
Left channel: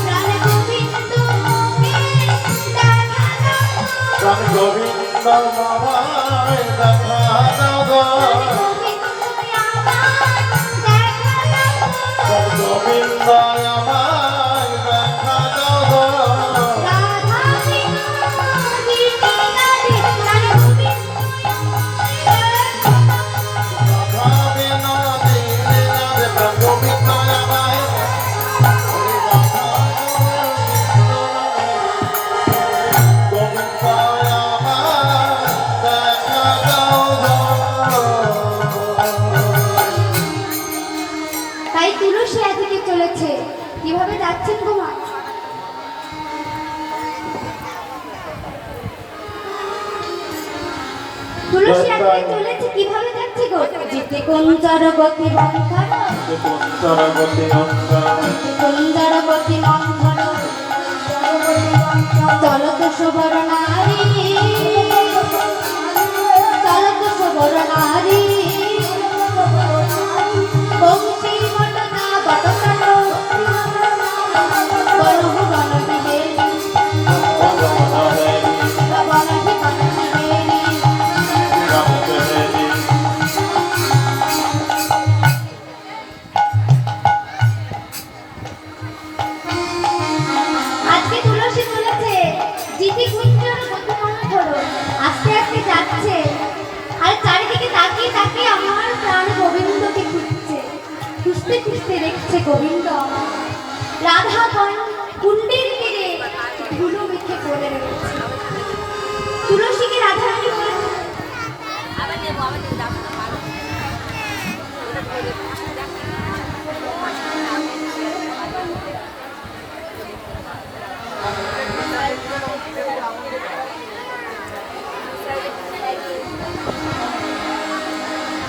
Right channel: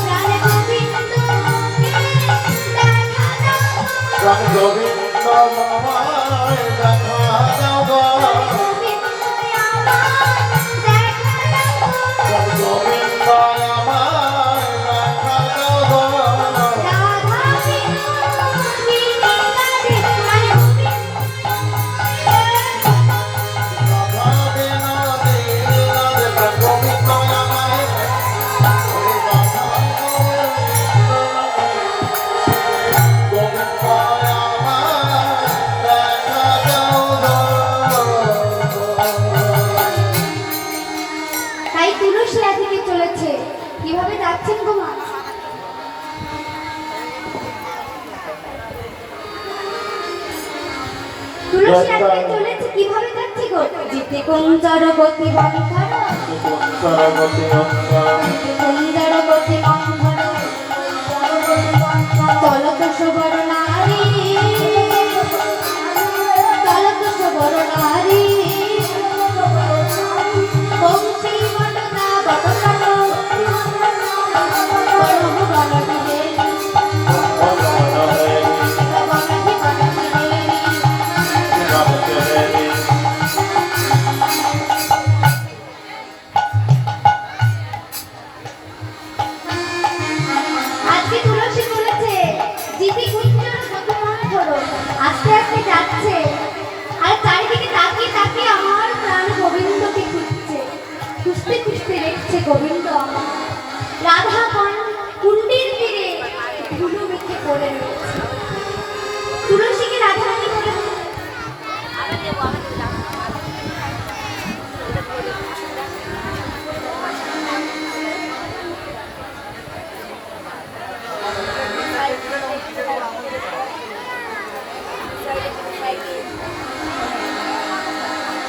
প্রাণে গোবিন্দকে দেখানো প্রাণ গোবিন্দ মামায় দেখা দাও গো, প্রাণ গোবিন্দ আমায় দেখা দাও গো, রাধা বিনোদী রাধে, প্রাণ গোবিন্দ আমায়, ওই রাধা গোবিন্দ আমায় দেখা দাও গো। তাই তুলসী এদিকে চলেছে, কিভাবে যাচ্ছেন গো মা? তুলসী এদিকে চলেছে, কিভাবে যাচ্ছে গো? জিতে কুঞ্জর গতি বন্ধর, সরগতি অন্তর, জিতে কুঞ্জর গতি বন্ধর, চলত সুবর নারী, চলত সুবর নারী, বংশী বটকা বটকাট, বরহ বনবিহেরি, বনহি বনবিহেরি। আজকে তুলসী তুলেছে, জিতি কুঞ্জর গতিমান ধরো, আস্তে আস্তে যাচ্ছে, আর চারিদিকে তাকিয়ে তাকিয়ে আমার প্রাণ গোবিন্দকে খুঁজছে, খুঁজতে খুঁজতে দেখছে গোবিন্দ আমার রাধা কুণ্ডের তীরে ধুলো মেখে পড়ে রয়েছে। তুলসীকে রাধা রানী বলে,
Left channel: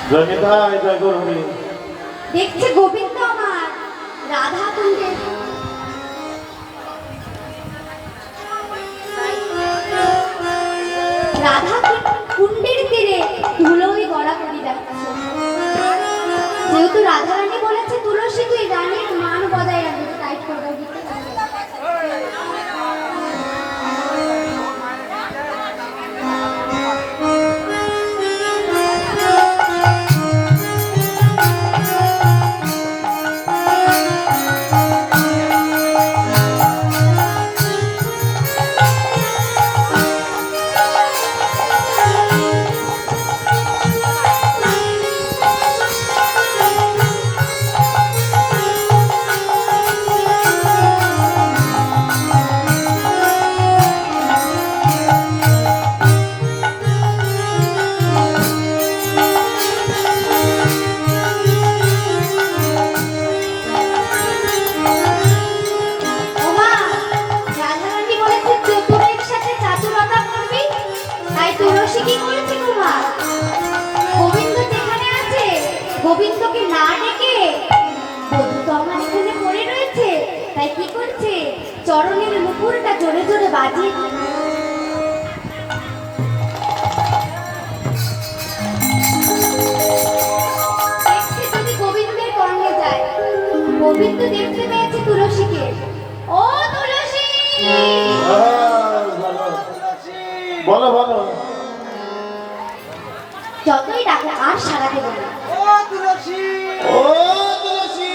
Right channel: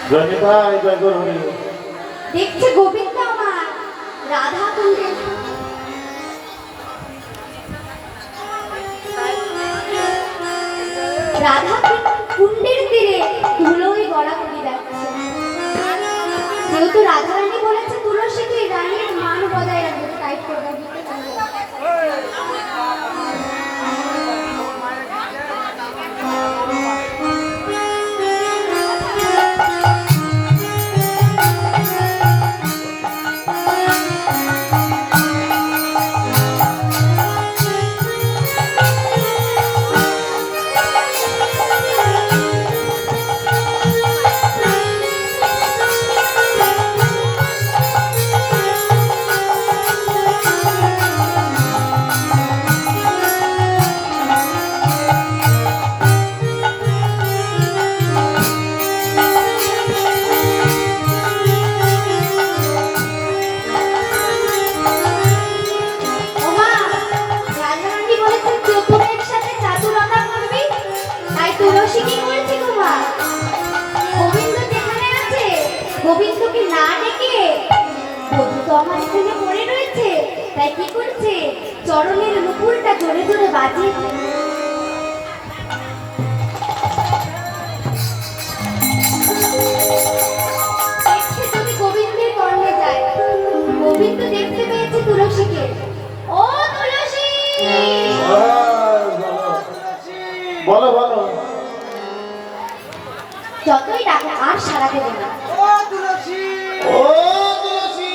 জয় নিতাই, জয় গৌরী। দেখছে গোবিন্দ আমার রাধা কুণ্ডে রাধা কুণ্ডের তীরে ধুলোয় গড়া করে যাচ্ছে। যেহেতু রাধা রানী বলেছে তুলসী তুই রানীর মান বজায় রাখবে, টাইট করবে দিতে পারবে। যতই ডাকো আর সাড়া দেবে না। ও তুলসী, ও তুলসী,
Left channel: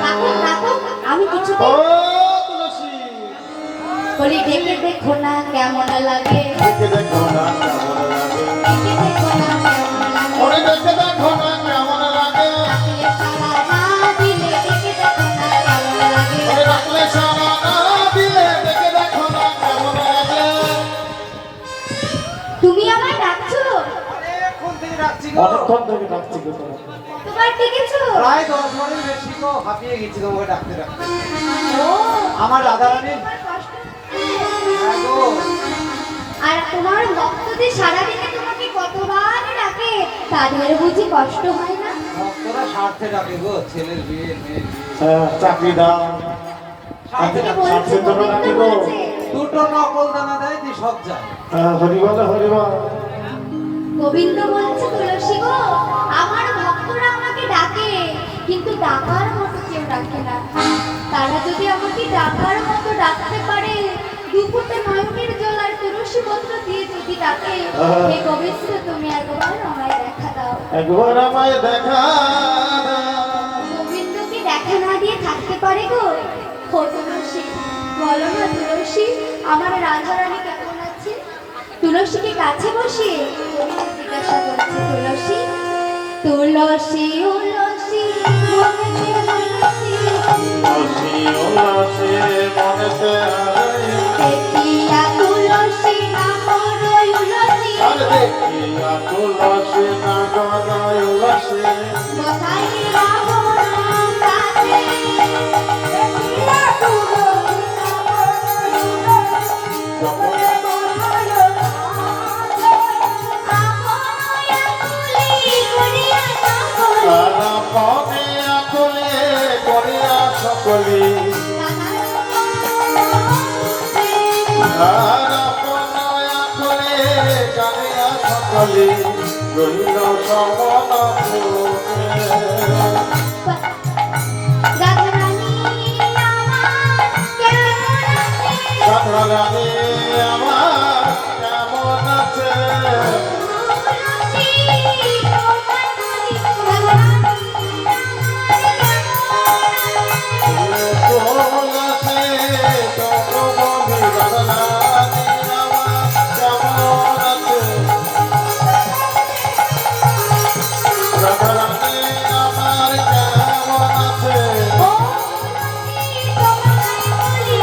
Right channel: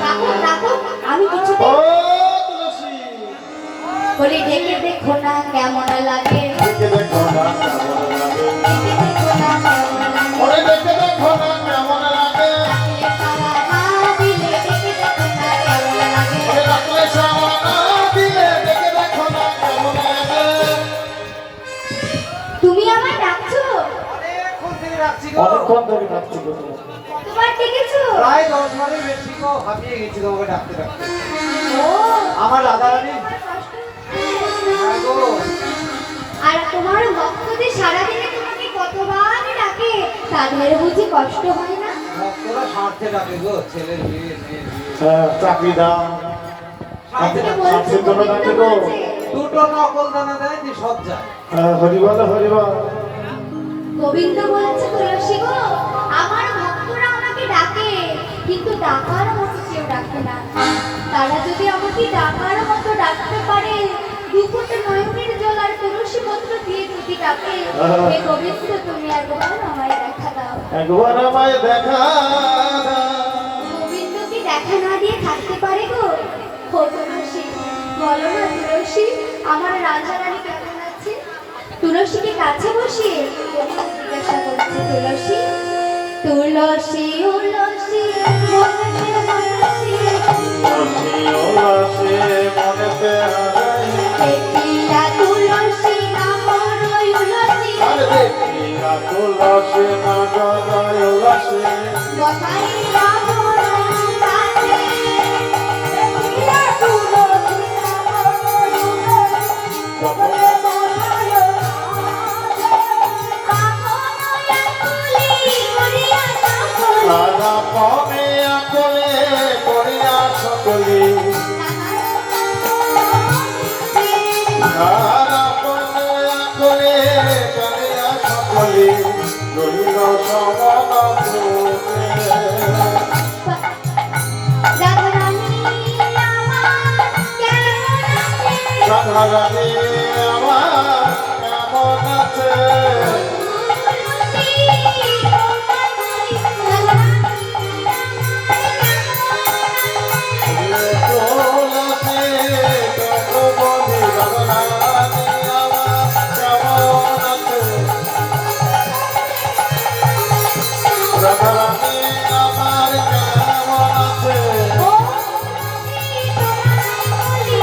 ডাকো ডাকো, আমি কিছু ও তুলসী, বলি ডেকে দেখো না কেমন লাগে, দেখে দেখো না কেমন লাগে, ডেকে দেখো না কেমন লাগে, ওরে দেখে দেখো না কেমন লাগে, ডাকলে সাড়া না দিলে ডেকে দেখো না কেমন লাগে। ওরে ডাকলে সাড়া না দিলে দেখে দেখো না কেমন লাগে। তুমি আমায় ডাকছো? অনেকক্ষণ থেকে রাখছি গো। অনেকক্ষণ ধরে ডাকছি গো তোমাকে। কতবার ডেকেছো? প্রায় 10 বারের বেশি গো, হাঁপিয়ে গেছি তোমাকে ডাকতে ডাকতে। ও আমার রাধারানী, তোমার কষ্ট হচ্ছে? হ্যাঁ গো, আর তোমার ভক্তদের সারাদিনে তোমাকে কতবার ডাকে, তাদের বুঝি কষ্ট হয় না? ভক্তরা স্বার্থে ডাকে গো, ছেলের বিয়ে, মেয়ের বিয়ে। হ্যাঁ, চাকরি দাও, স্বার্থে কে ডাকে। বলেছে? স্বার্থের জন্য ডাকে গো। দুটো নকল দানা দেয় যে সব যায়। হ্যাঁ, হরিবল হরিবল। গোবিন্দ বলছে তুলসী গো, আমার ভক্তরা আমাকে ডাকে, কিন্তু ডাকার মতো কেউ ডাকে না। তারা যদি আমাকে ডাকার মতো ডাকতে পারে, দুপুরটা নয়নের জল আর তুলসী পত্র দিয়ে যদি ডাকে, হে গোবিন্দ তুমি একবার আমায় দেখা দাও। একবার আমায় দেখা দাও। গোবিন্দ কি দেখা না দিয়ে থাকতে পারে গো? ও তুলসী, বলো না তুলসী, আমার রাধারানী কেমন আছে? তুলসীকে কাছে বসিয়ে গোবিন্দ জিজ্ঞাসা করছে, তুলসী তুলসী উলসী মনেতে মনসী, তুলসী উলসী মনেতে হারাই, দেখিয়া তুলসী না করই উলসী, আর দেখিয়া তুলসী না গলায় উলসী, বসাইয়া মোর কাছে, দেখিয়া তুলসী না করই উলসী, আর আপনে আকলে করিয়া সকলি, আর আপনে আকলে করিয়া সকলি, রইল সমন ভূমে। রাধারানী আমার কেমন আছে? তুলসী তরুবধি রাধারানী আমার কেমন আছে? রাধারানী আমার কেমন আছে?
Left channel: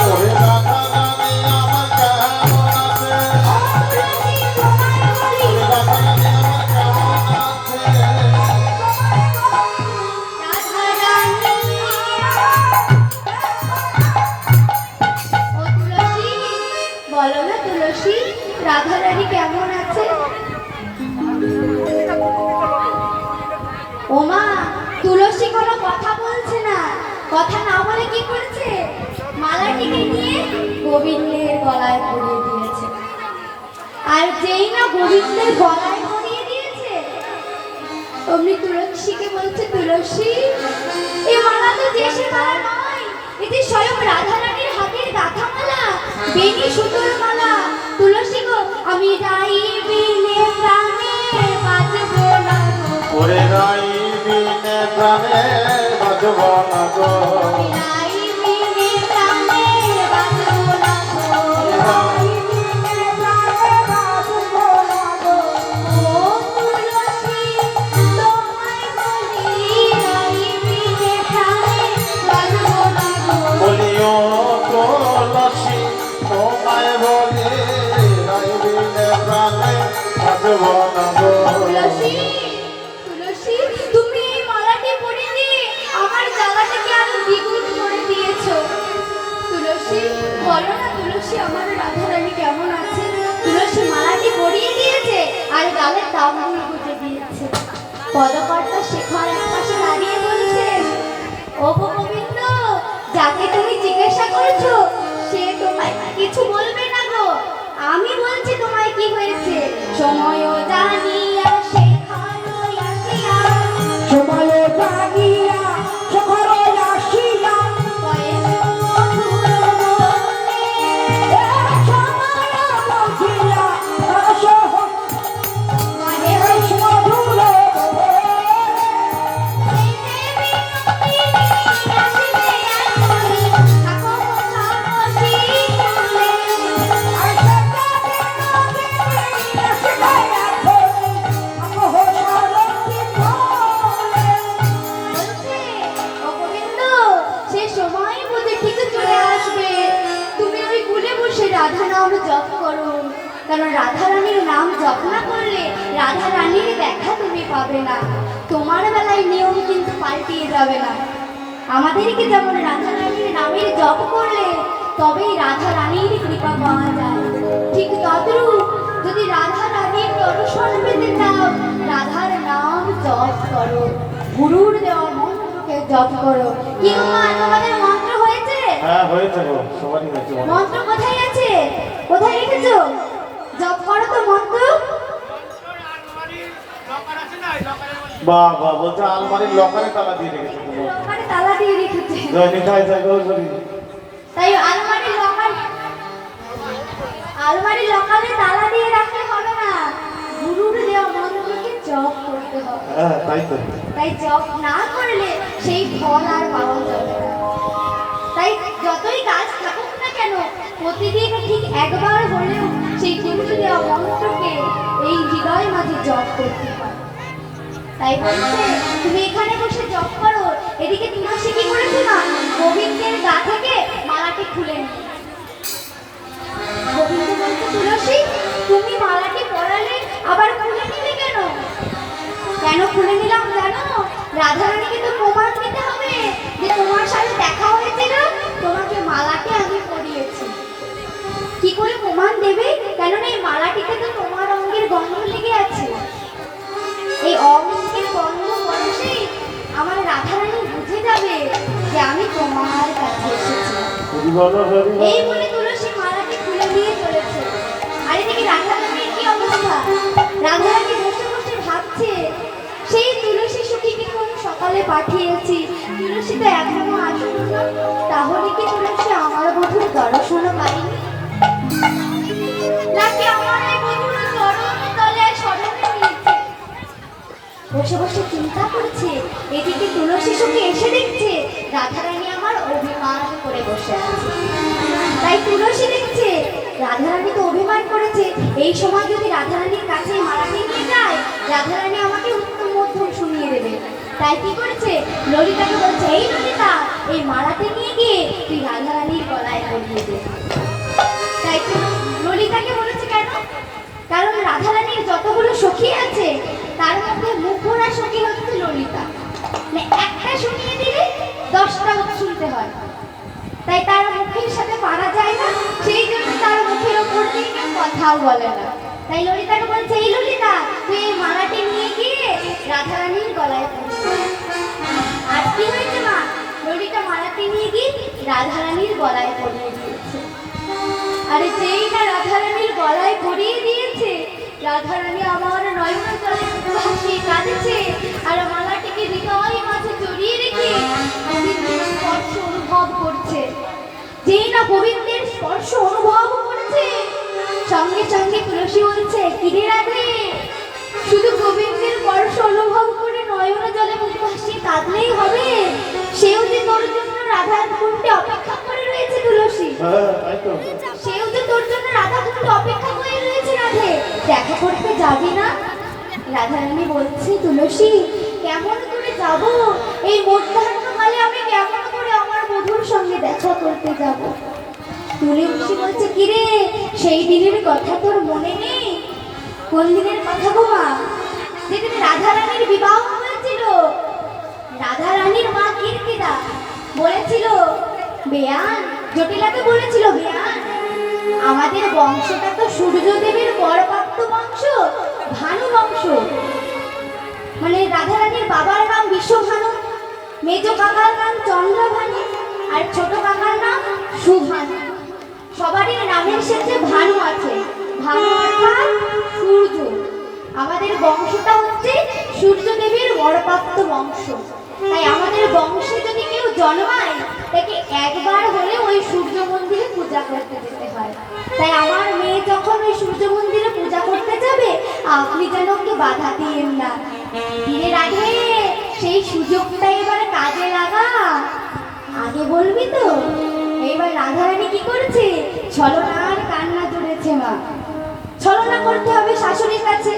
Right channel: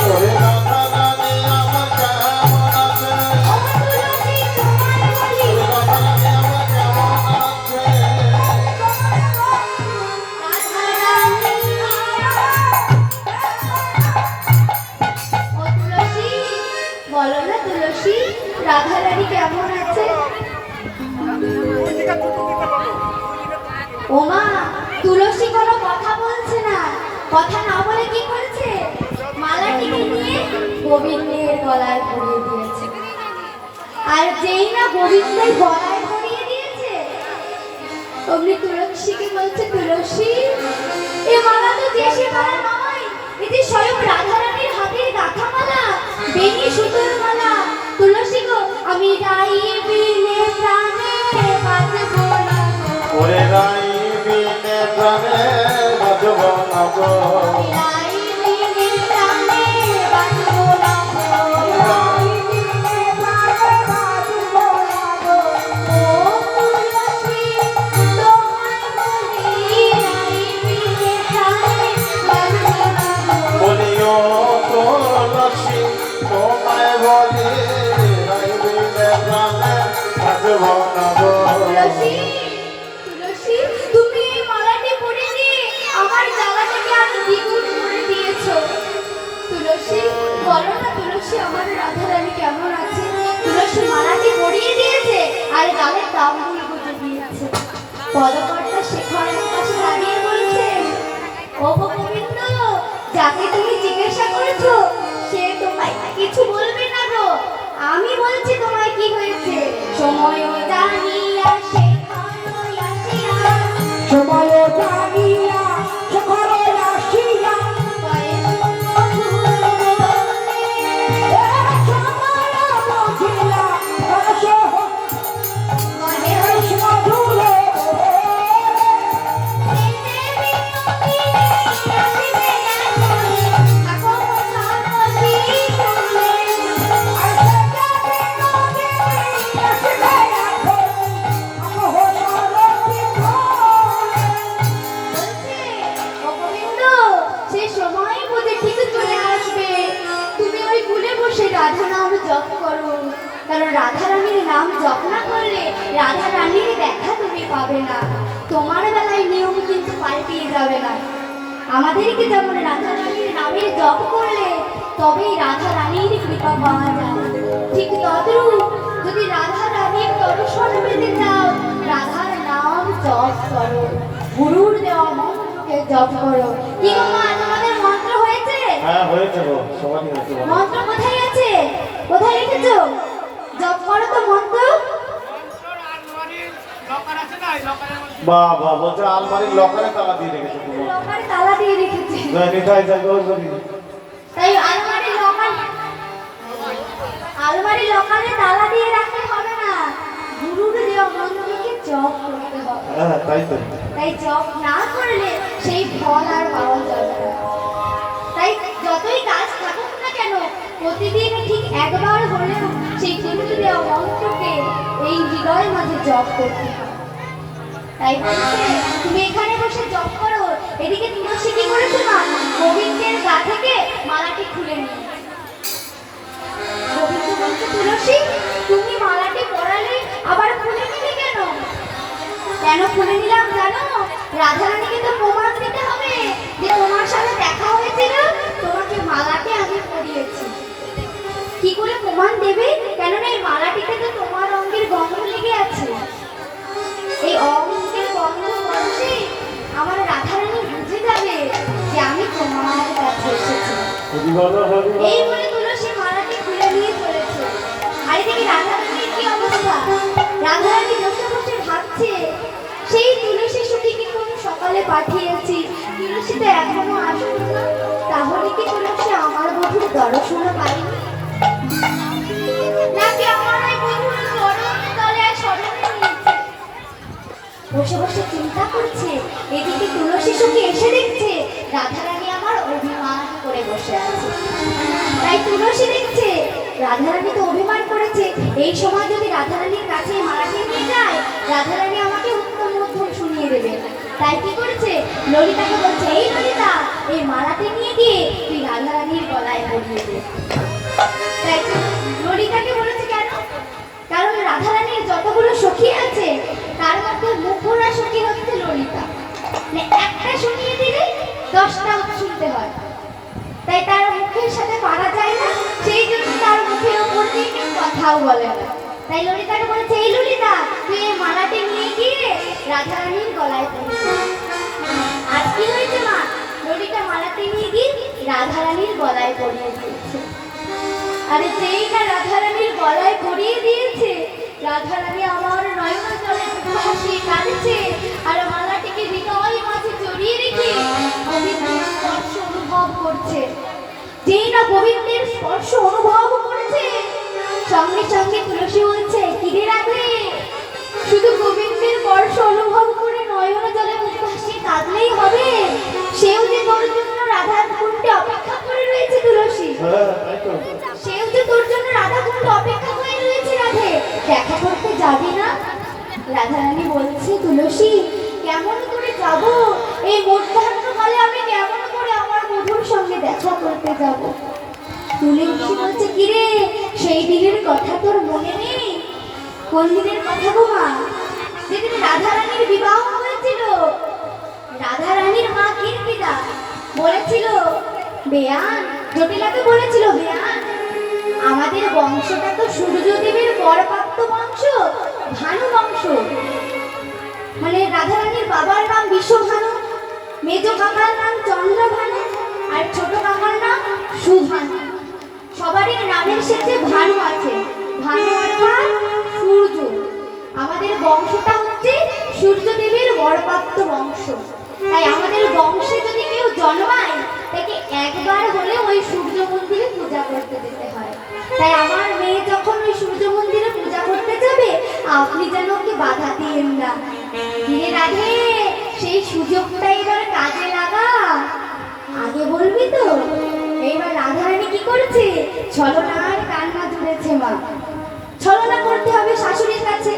ওরে রাধারানী আমার কেমন আছে? ওরে রাধারানী আমার কেমন আছে? বলো না তুলসী, রাধারানী কেমন আছে? ওমা, তুলসী কোনো কথা বলছে না। কথা না বলে কি করেছে? মালাটিকে নিয়ে গোবিন্দের গলায় পরিয়ে দিয়েছে। আর যেই না গোবিন্দের গলায় পরিয়ে দিয়েছে, অমনি তুলসীকে বলছে, তুলসী এ মালা তো দেশি মালা নয়, এটি স্বয়ং রাধারানীর হাতের গাঁথা মালা, বেনি সুতোর মালা। তুলসী গো, আমি গাইবিনে প্রাণে বাজব না গো, ওরে রাই বিনে প্রাণে বাজব না গো, গাইবিনে প্রাণে বাজব না গো, গাইবিনে প্রাণে বাজব না গো। ও তুলসী তোমায় বলি, গাইবিনে প্রাণে বাজব না গো। বলিও তুলসী তোমায় বলি, রাই বিনে প্রাণে বাজব না গো। তুলসী, তুলসী, তুমি এই মালাটি পরে দিয়ে আমার জ্বালাটাকে আরো দ্বিগুণ করে দিয়েছো। তুলসী, বলো না তুলসী, আমার রাধারানী কেমন আছে? তুলসী মালাটি পরিয়ে দিয়েছে আর গালে তাম্বুল গুঁজে দিয়েছে। পদকর্তা শেখর এক পাশে দাঁড়িয়ে বলছেন, ও গো গোবিন্দ, যাকে তুমি জিজ্ঞাসা করেছো সে তোমায় কিছু বলবে না গো। আমি বলছি তোমায় কি হয়েছে। সময় জানিয়া শেখর আসিয়া, সময় জানিয়া শেখর আসিয়া, বয়স মধুর বললে, সময় বুঝিয়া রস মহেশ রাধারানীর নাম জপ না করলে রাধারানীর দেখা তুমি পাবে না। তোমার বেলায় নিয়ম কিন্তু পাল্টিয়ে যাবে না। আমাদেরকে যেমন রাধারানীর নামের জপ করলে তবেই রাধারানীর কৃপা পাওয়া যায়, ঠিক তদ্রূপ যদি রাধারানীর দর্শন পেতে চাও রাধার নাম জপ করো, গুরুর দেওয়া মন্ত্রকে জপ করো। কি মা, তোমাদের মন্ত্র হয়েছে? হ্যাঁ হয়েছে গো, সবারই হয়েছে বলো। মন্ত্র কোথায় আছে? কোথায় রেখেছো? জপ করো তো মন্ত্র। বাহ বাহ, বলছে আলমারির লকারে তালা দিয়ে রেখেছে তুমি। লকারে তালা দিয়ে রেখেছে। জয় নিতাই জয় গৌর হরি। তাই আলমারির লকারে তালা দিয়ে রাখতে হবে না, গুরুর দেওয়া মন্ত্রকে জপ করতে হবে। হ্যাঁ তাই তো। তাই জপ না করলে সেই ফল আর পাওয়া যাবে না। তাই যতই কাজ থাকুক না কেন প্রতিদিন ঠিক একবার হলেও সেই গুরুর দেওয়া মন্ত্রকে এই হৃদয় মাঝে জপ করতে হয়। তাই বলছে তুমি এখানে বসে জপ করো। এদিকে তুলসী কি করেছো না, গোবিন্দের গা থেকে মালাটি খুলে নিয়ে। গোবিন্দ বলছে তুলসী তুমি মালাটি পরালে আবার খুলে নিলে কেন? কেন খুলে নিলাম জানো? রাধারানীকে তো প্রমাণ দিতে হবে যে তোমার সাথে দেখা হয়েছিল, তোমাকে মালাটি আমি পরিয়েছি। কি করে প্রমাণ দেবে? কেননা এই মালাটিতে তো তোমার অঙ্গের গন্ধ লেগে আছে। এই অঙ্গের গন্ধ পরশেই আমার রাধারানী বুঝে যাবে যে আমি তোমার কাছে এসেছি। হরি বলো হরি বলো। এই বলে তুলসী মালাটি খুলে নিয়ে চলেছে। আর এদিকে রাধারানীর কি অবস্থা? রাধারানী বসে বসে ভাবছে সেই তুলসী সখীকে কোন সকালে পাঠিয়েছি, তুলসী তো এখনো আসেনি না। তাহলে কি তুলসী আমার বধূর দর্শন পাইনি? নাকি আমার এই বধূর চরণের তলায় শরণ নিয়েছে? বসে বসে চিন্তা করছে। এদিকে তুলসী সখী এসে দেখছে রাধারানী আমার অভিমান করে বসে আছে। তাই তুলসী দেখছে রাধারানী তো অভিমান করেছে, এই সময় যদি রাধারানীর কাছে মালাটি নিয়ে যায় রাধারানী আমাকে উত্তম মধ্যম শুনিয়ে দেবে। তাই কি করেছে, ললিতাকে বলছে এই ললিতা এই মালাটি নিয়ে গিয়ে তুই রাধারানীর গলায় পরিয়ে দে। তাই ললিতাকে বলেছে কেন? কারণ রাধারানীর যতগুলো সখী আছে তার মধ্যে মুখরা সখী হচ্ছে ললিতা। একটা শুনিয়ে দিলে 10টা শুনতে হয়, তাই তার মুখের সাথে পারা যায় না, সেই জন্য তার মুখের উপর দিয়ে কেউ কথাও বলে না। তাই ললিতাকে বলেছে এই ললিতা তুই এই মালাটি নিয়ে গিয়ে রাধারানীর গলায় পরিয়ে দে। আর কি হয়েছে মা, ললিতা মালাটি নিয়ে গিয়ে রাধারানীর গলায় পরিয়ে দিয়েছে। আরে যেই না রাধারানীর গলায় পরিয়ে দিয়েছে রাধারানী আমার নয়ন জলে ভাসিয়ে কাঁদছে আর মালাটিকে হৃদয় মাঝে জড়িয়ে রেখে গোবিন্দের স্পর্শ অনুভব করছে। যেই না গোবিন্দের স্পর্শ অনুভব করেছে সঙ্গে সঙ্গে তুলসী বলছে কিরে রাধে, শুধু গোবিন্দের স্পর্শ অনুভব করে নয়ন জলে মুখ ভাসিয়ে কাঁদলেই হবে? সেও যে তোর জন্য রাধার কুণ্ডে অপেক্ষা করে রয়েছে তুলসী। হ্যাঁ তাই তো। সেও যে তোর জন্য রাধা কুণ্ডে অপেক্ষা করে রয়েছে রাধে, দেখা করতে যাবি না? রাধারানী বলছে তুলসী কেমন করে যাব? এই মধ্যাহ্নকালে আমি কেমন করে আমার বধূর সঙ্গে দেখা করতে যাব? তুলসী বলছে কিরে সেই দিনের কথা তোর মনে নেই? কোন দিনের কথা গো মা? যেদিন রাধারানীর বিবাহ হয়েছিল। রাধারানীর মা কীর্তিদা বলেছিল বেয়ান, জটিলাকে বলেছিল বেয়ান আমাদের বংশটা তো সূর্যদেবের বরপাত্র বংশ, ভানু বংশ। মানে রাধারানীর বাবার নাম বিশ্বভানু, মেজ কাকার নাম চন্দ্রভানু আর ছোট কাকার নাম সুভানু। সবারই নামের শেষে ভানু আছে, ভানু অর্থাৎ সূর্য। আমাদের বংশটা হচ্ছে সূর্যদেবের বরপাত্র বংশ। তাই আমাদের বংশে যদি কেউ জন্মায় তাকে একবার হলে ওই সূর্য মন্দিরে পূজা করতে যেতে হয়। তাই আমার মেয়ে যখন ওই সূর্য মন্দিরে পূজা করতে যাবে আপনি যেন ওকে বাধা দিয়েন না। ধীরে রাধে সেই সুযোগটা এবার কাজে লাগা। আগে বলবি তো? এইবার রাধারানী কি করেছে, ছলনার কান্না জুড়েছে মা। ছলনা করতে হবে শাশুড়ির কাছে,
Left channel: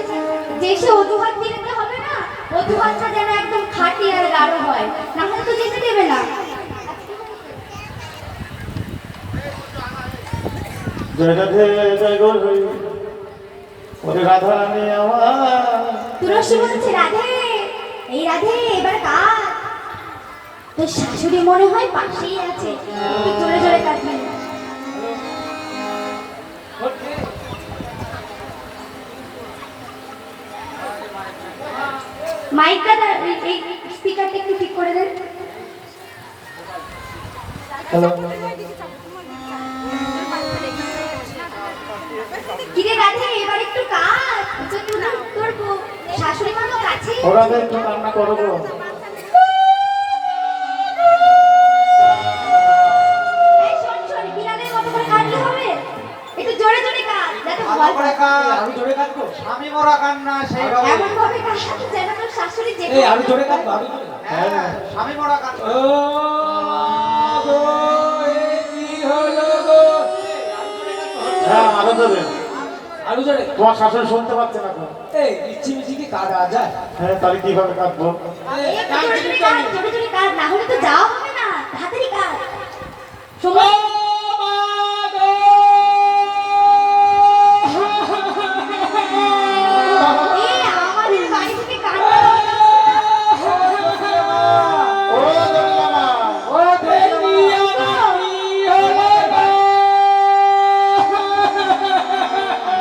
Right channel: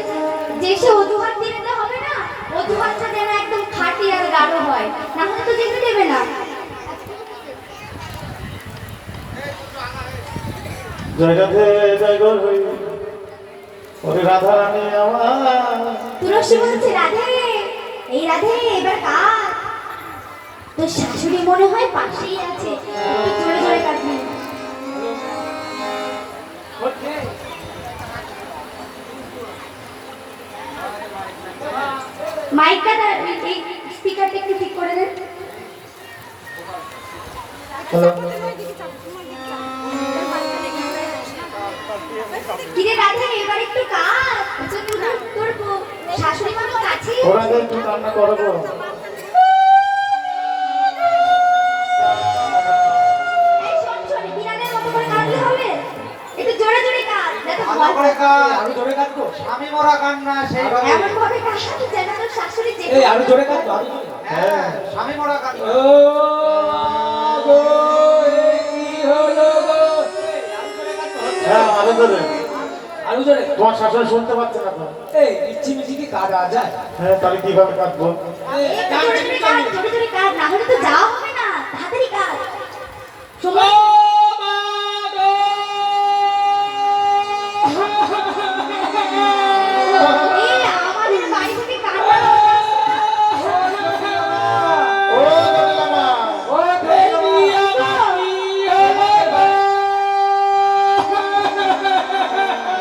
যে সে অজুহাত দিতে হবে না, অজুহাতটা যেন একদম খাঁটি আর গাঢ় হয়, না হলে তো যেতে দেবে না। জয় রাধে জয় গৌর হরি। ওরে রাধা রানী আমার তুলসী বলছে রাধে, এই রাধে এবার কার? তোর শাশুড়ি মনে হয় পাশেই আছে, একটু জোরে জোরে কাটবি। মাইকটা এই স্পিকারটা একটু ঠিক করে দেন। হ্যালো কিরে রাধে এবার একটু কাট, তোর শাশুড়ি মা তো কাছেই আছে। ওরা একটু কান্না করবো। এই শোন শোন, বিড়ালের মতো করে কাটলে হবে, একটু জোরে জোরে কাট, যাতে ভালো ভয় করে পায়। কাজ। আমি জোরে কাটবো। স্বামী মরা কান্না সেইভাবে। এমন ভাবে কাট যেন তোর শাশুড়ি যে এই আমি জোরে কাটবো, আমি জোরে। হ্যাঁ, স্বামী মরা কান্না। ও গো, এ কি হলো গো? হ্যাঁ আরো দেবে। আরো জোরে। তোমার শাশুড়ি শুনতে পাচ্ছে না তো। এই ইচ্ছি মিছি কি কাটা যায়? হ্যাঁ তাহলে কিভাবে কাটবো? একটু জোরে জোরে কাট, জোরে জোরে কাট, না হলে তো যাওয়া হবে না, তাড়াতাড়ি কাট। সময় এই আমাদের বাড়ি থেকে কান্নার আওয়াজ আসছে। ও দোলা মা, ও দেবী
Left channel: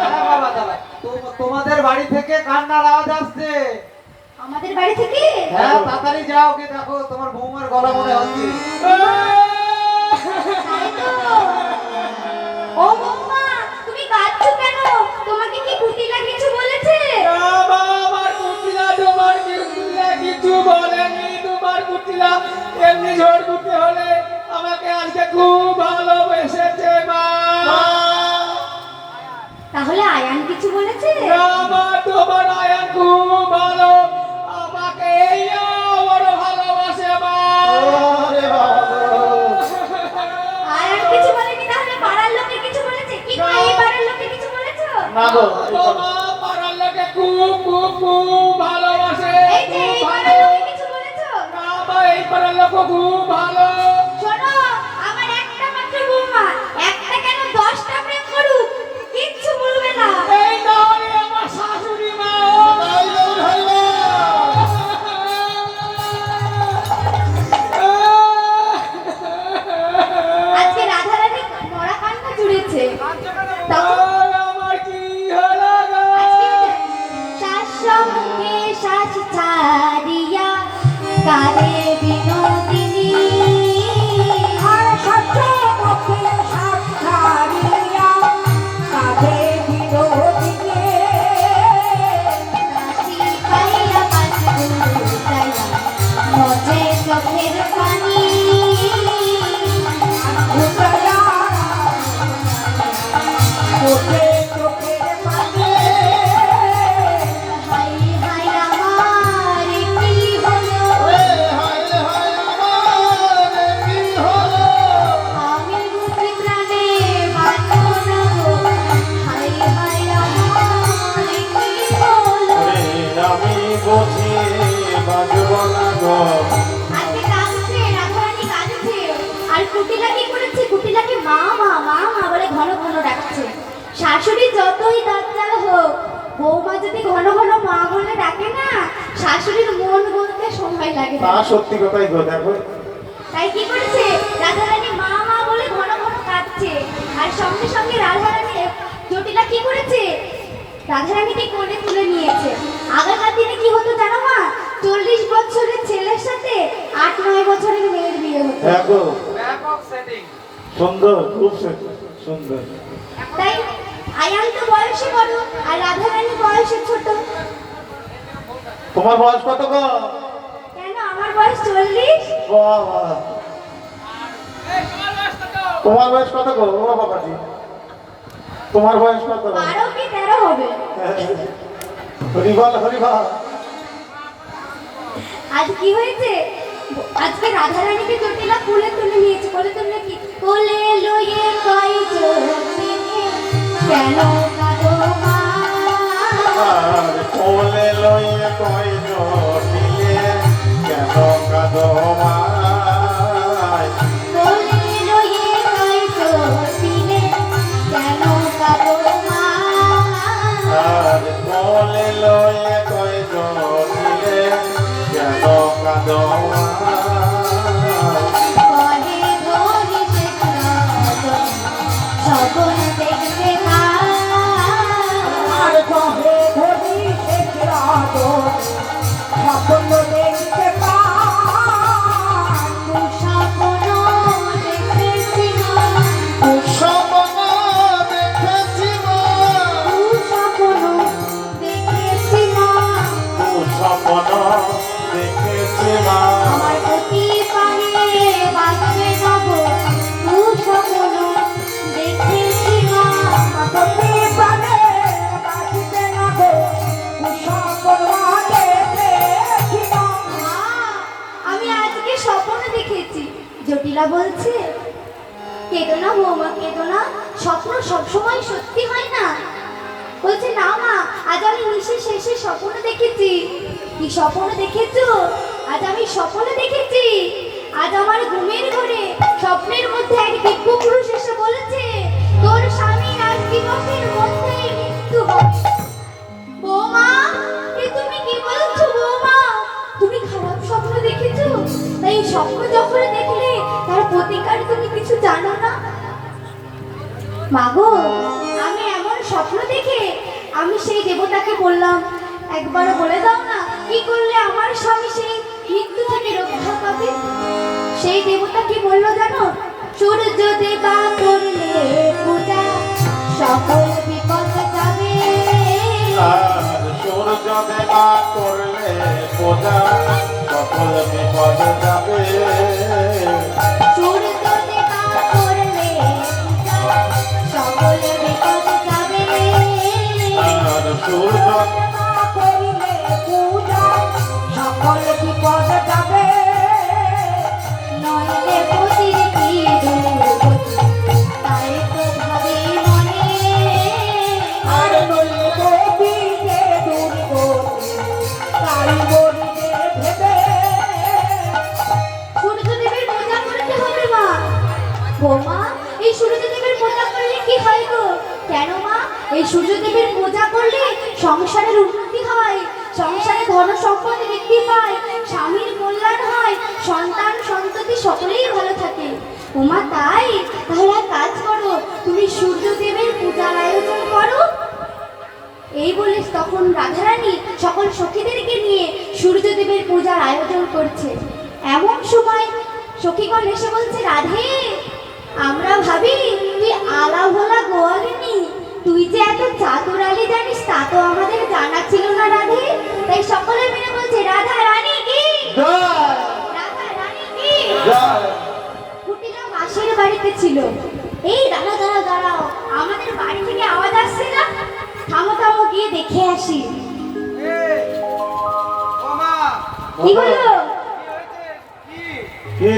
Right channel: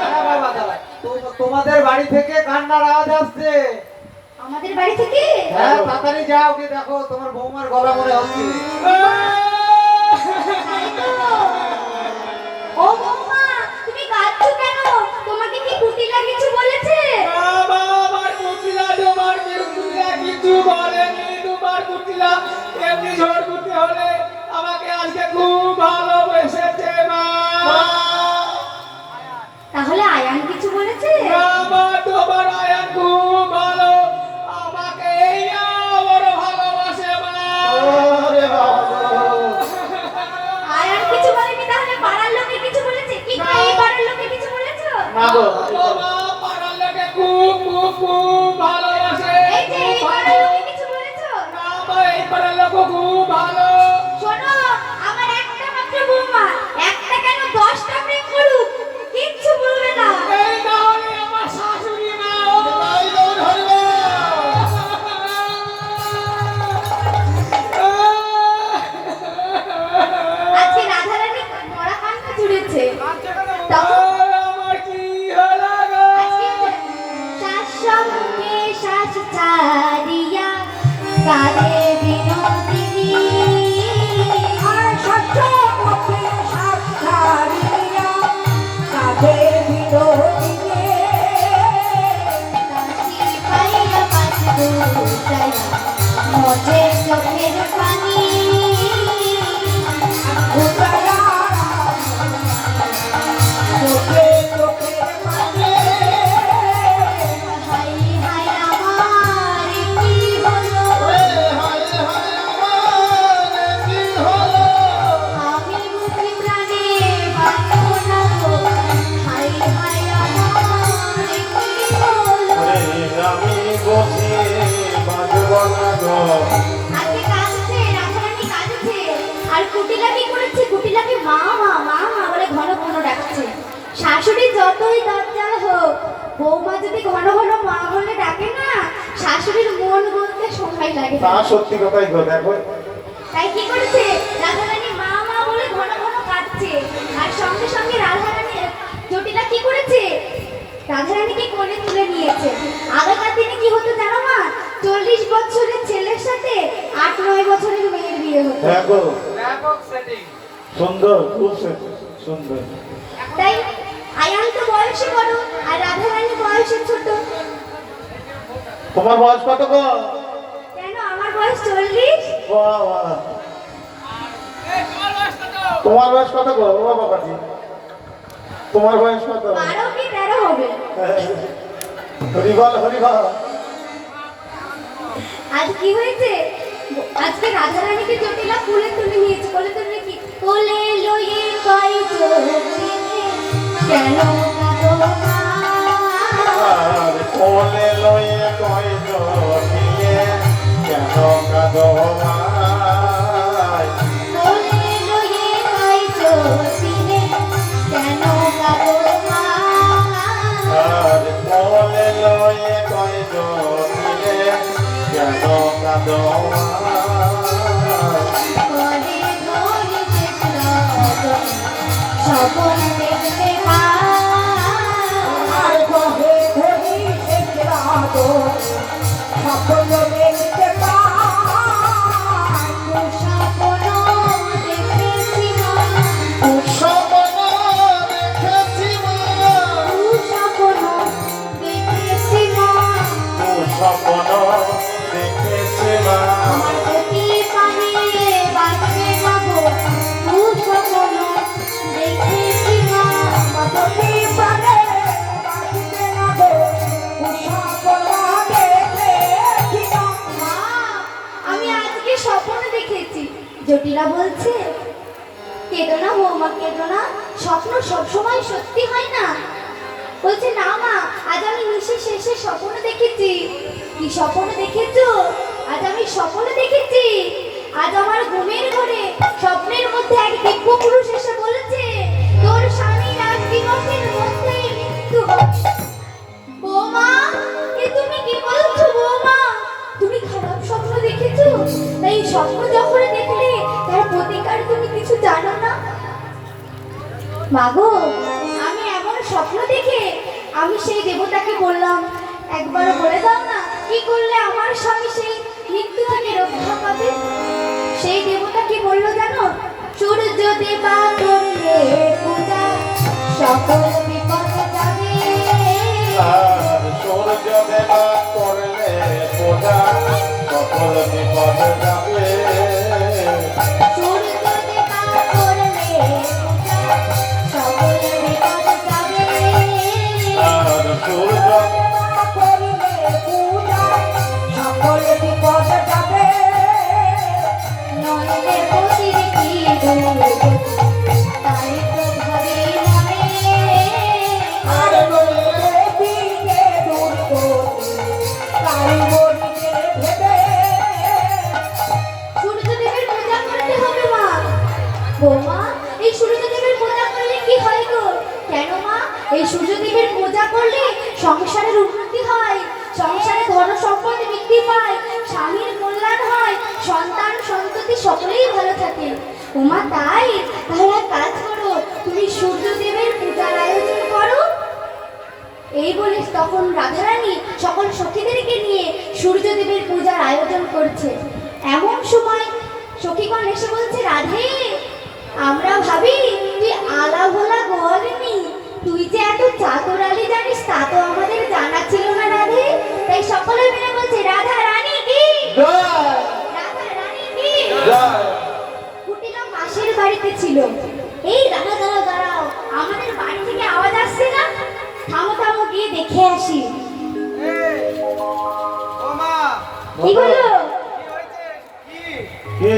হ্যাঁ বাবা, দাঁড়া। তোমাদের বাড়ি থেকে কান্নার আওয়াজ আসছে। আমাদের বাড়ি থেকে হ্যাঁ, তাড়াতাড়ি যাও, কি দেখো তোমার বৌমার গলা মনে হচ্ছে। তাই তো। ও বৌমা, তুমি কাঁদছো কেন? তোমাকে কি কুটিলা কিছু বলেছে? আমার কুটিলা তোমার কুটিলা কিছু বলেনি। তোমার কুটিলা এমনি ঝড় দুটি হলে আমাকে আজকে খুব ভালোবেসেছে মা। তাহলে আয়ান কিছু বলেছে? আমার তোমার আয়ান খুব ভালো, আমাকে এই বড় ভালোবাসে মা। ওরে বাবা গো। আয়ান কিছু বলেনি, তাহলে পাড়ার লোকে কিছু বলেছে? কি গো, এই পাড়ার লোকে কিছু বলেছো? না গো, তোমার পাড়ার লোকে খুব খুব খুব ভালোবাসে। এই যে এই পাড়ার লোকে কিছু বলেছো? আমার এই পাড়ার লোক খুব ভালো। শোনো, আমার একটা মাত্র বৌমা, একটা কেন 10টা প্রেম করুক, কিচ্ছু বলবে না। এই তাহলে আমার শাশুড়ি মা। আজকে রাধারানী মরা কান্না জুড়েছে। তখন আমার কি হলো গো? আজকে শাশ্বতকে শাস ছাড়িয়া কারে বিনোদিনী আর সত্য পথে সাত ছাড়িয়া কাঁধে বিনোদিনী। কাশি পাইয়া কাশি দুটাইয়া মজে চোখের পানি উতলা চোখে চোখে পানি। হাই হাই আমার কি হলো, আমি বুঝি প্রাণে বাঁচব না গো, হাই হাই আমার কি হলো। ওরে আমি বসে বাবু না গো। আজকে কাঁদছে, রাধারানী কাঁদছে। আর কুটিলা কি করেছে? কুটিলাকে মা মা মা মা বলে ঘন ঘন ডাকছে। শাশুড়ি যতই দাঁত হোক, বৌমা যদি ঘন ঘন মা বলে ডাকে না, শাশুড়ির মন বলতে সময় লাগে তা না। সত্যি কথাই গো, দেখো তাই কি করেছে? রাধারানী মা মা বলে ঘন ঘন কাঁদছে। আর সঙ্গে সঙ্গে রাধারানী জটিলা কি করেছে? রাধারানীকে কোলে তুলে নিয়েছে। আগেকার দিনে কি হতো জানো মা? 40 বছরের ছেলের সাথে 8-9 বছরের মেয়ের বিয়ে হতো। দেখো ব্যাপক সেটিং। সুন্দর, খুব সুন্দর। তাই আয়ান তো বয়সে বড় আর রাধারানী বয়সে ছোট। তোমার বয়স কত গো? কেন, আমার বয়স 40। বাবা, তোমার বয়স কত গো? ও বাবাজি, তোমার বয়স কত? 12 কি 13 হবে। হরিবল হরিবল। আজ কি হয়েছে? আজকে রাধারানীকে জটিলা কোলে তুলে নিয়েছে। কোলে তুলে কি? কোলে লইয়ে কই জটিলে কেন কাঁদো মা? আর কোলে লইয়া কই জটিলে কেন কাঁদো মাই? কোলে লইয়ে কই জটিলে কেন কাঁদো মা? ঘরে ঘরে সে রতন স্বপন দেখতে পায় আর ঘরে ঘরে সে রাধন স্বপ্ন দেখতে পায় স্বপন দেখেছি মা স্বপ্ন দেখেছি মা, স্বপন দেখেছি মা স্বপ্ন দেখেছি মা, আমার প্রতি পায়ে বাজবে না গো স্বপন দেখেছি মা প্রতি প্রাণে বাঁচিতে না গো স্বপ্ন দেখেছি মা। মা, আমি আজকে স্বপ্ন দেখেছি। জটিলা বলছে কেঁদো না বৌমা, কেঁদো না, স্বপ্ন সবসময় সত্যি হয় না। বলছে না মা, আজ আমি নিশি শেষে স্বপ্ন দেখেছি। কি স্বপ্ন দেখেছো? আজ আমি স্বপ্ন দেখেছি, আজ আমার ঘুমের ঘরে স্বপ্নের মধ্যে এক দিব্য পুরুষ এসে বলেছে তোর স্বামীর আজ দিবসের মধ্যেই মৃত্যু হবে। বৌমা, এ তুমি কি বলছো বৌমা? তুমি খারাপ স্বপ্ন দেখেছো? তাই স্বপ্ন যখন দেখলে তার প্রতিকার তুমি কিছু জানো না? মাগো, আমি এমন স্বপ্ন দেখে আমি সেই দেবতাকে বললাম একবার বলে দাও না কি করলে আমার স্বামী সেই মৃত্যু থেকে রক্ষা পাবে। সেই দেবতা কি বললো জানো? সূর্য দেবা করলে পূজা সকল বিপদ যাবে। আর সূর্য দেবা করলে পূজা সকল বিপদ যাবে। সূর্য দেবা করলে পূজা সকল বিপদ যাবে। আর সূর্য করিলে পূজা সকল বিপদ যাবে। নইলে পতির কি দুর্গতি, তাই তো ভাবে মনে। আর নইলে দিকে দুর্গতি তাই বলিতে ভেবে। সূর্যদেবের পূজা করতে হবে মা। বৌমা, এই সূর্যদেবের পূজা করলে কি হয় গো? কেন মা? এই সূর্যদেবের পূজা করলে সংসারের উন্নতি হয়, সংসারে ধন সম্পদ বৃদ্ধি পায়, স্বামীর কল্যাণ হয়, সন্তান সন্ততি সকলেই ভালো থাকে। উমা তাই? তাহলে এক কাজ করো, তুমি সূর্যদেবের পূজার আয়োজন করো। এই বলে তখন রাধারানী সকল সখীদেরকে নিয়ে সূর্যদেবের পূজার আয়োজন করছে। এমন সময় সখীগণ এসে বলছে রাধে, আমরা ভাবি তুই আলা ভোলা গোয়ালিনী, তুই যে এত চাতুরালি জানিস তা তো আমাদের জানা ছিল না রাধে। তাই সকলে মিলে বলছে রাধা রানী কি, জয় রাধা রানী কি। জয়। কুটিলা মাসির বাড়িতে ছিল। এই দাঁড়াও দাঁড়াও দাঁড়াও, আমাদের বাড়ি থেকে আওয়াজ আসছে না? থামো থামো, গিয়ে দেখে আসি। ও মা, কি হলো? কি হয়েছে? কি? কি?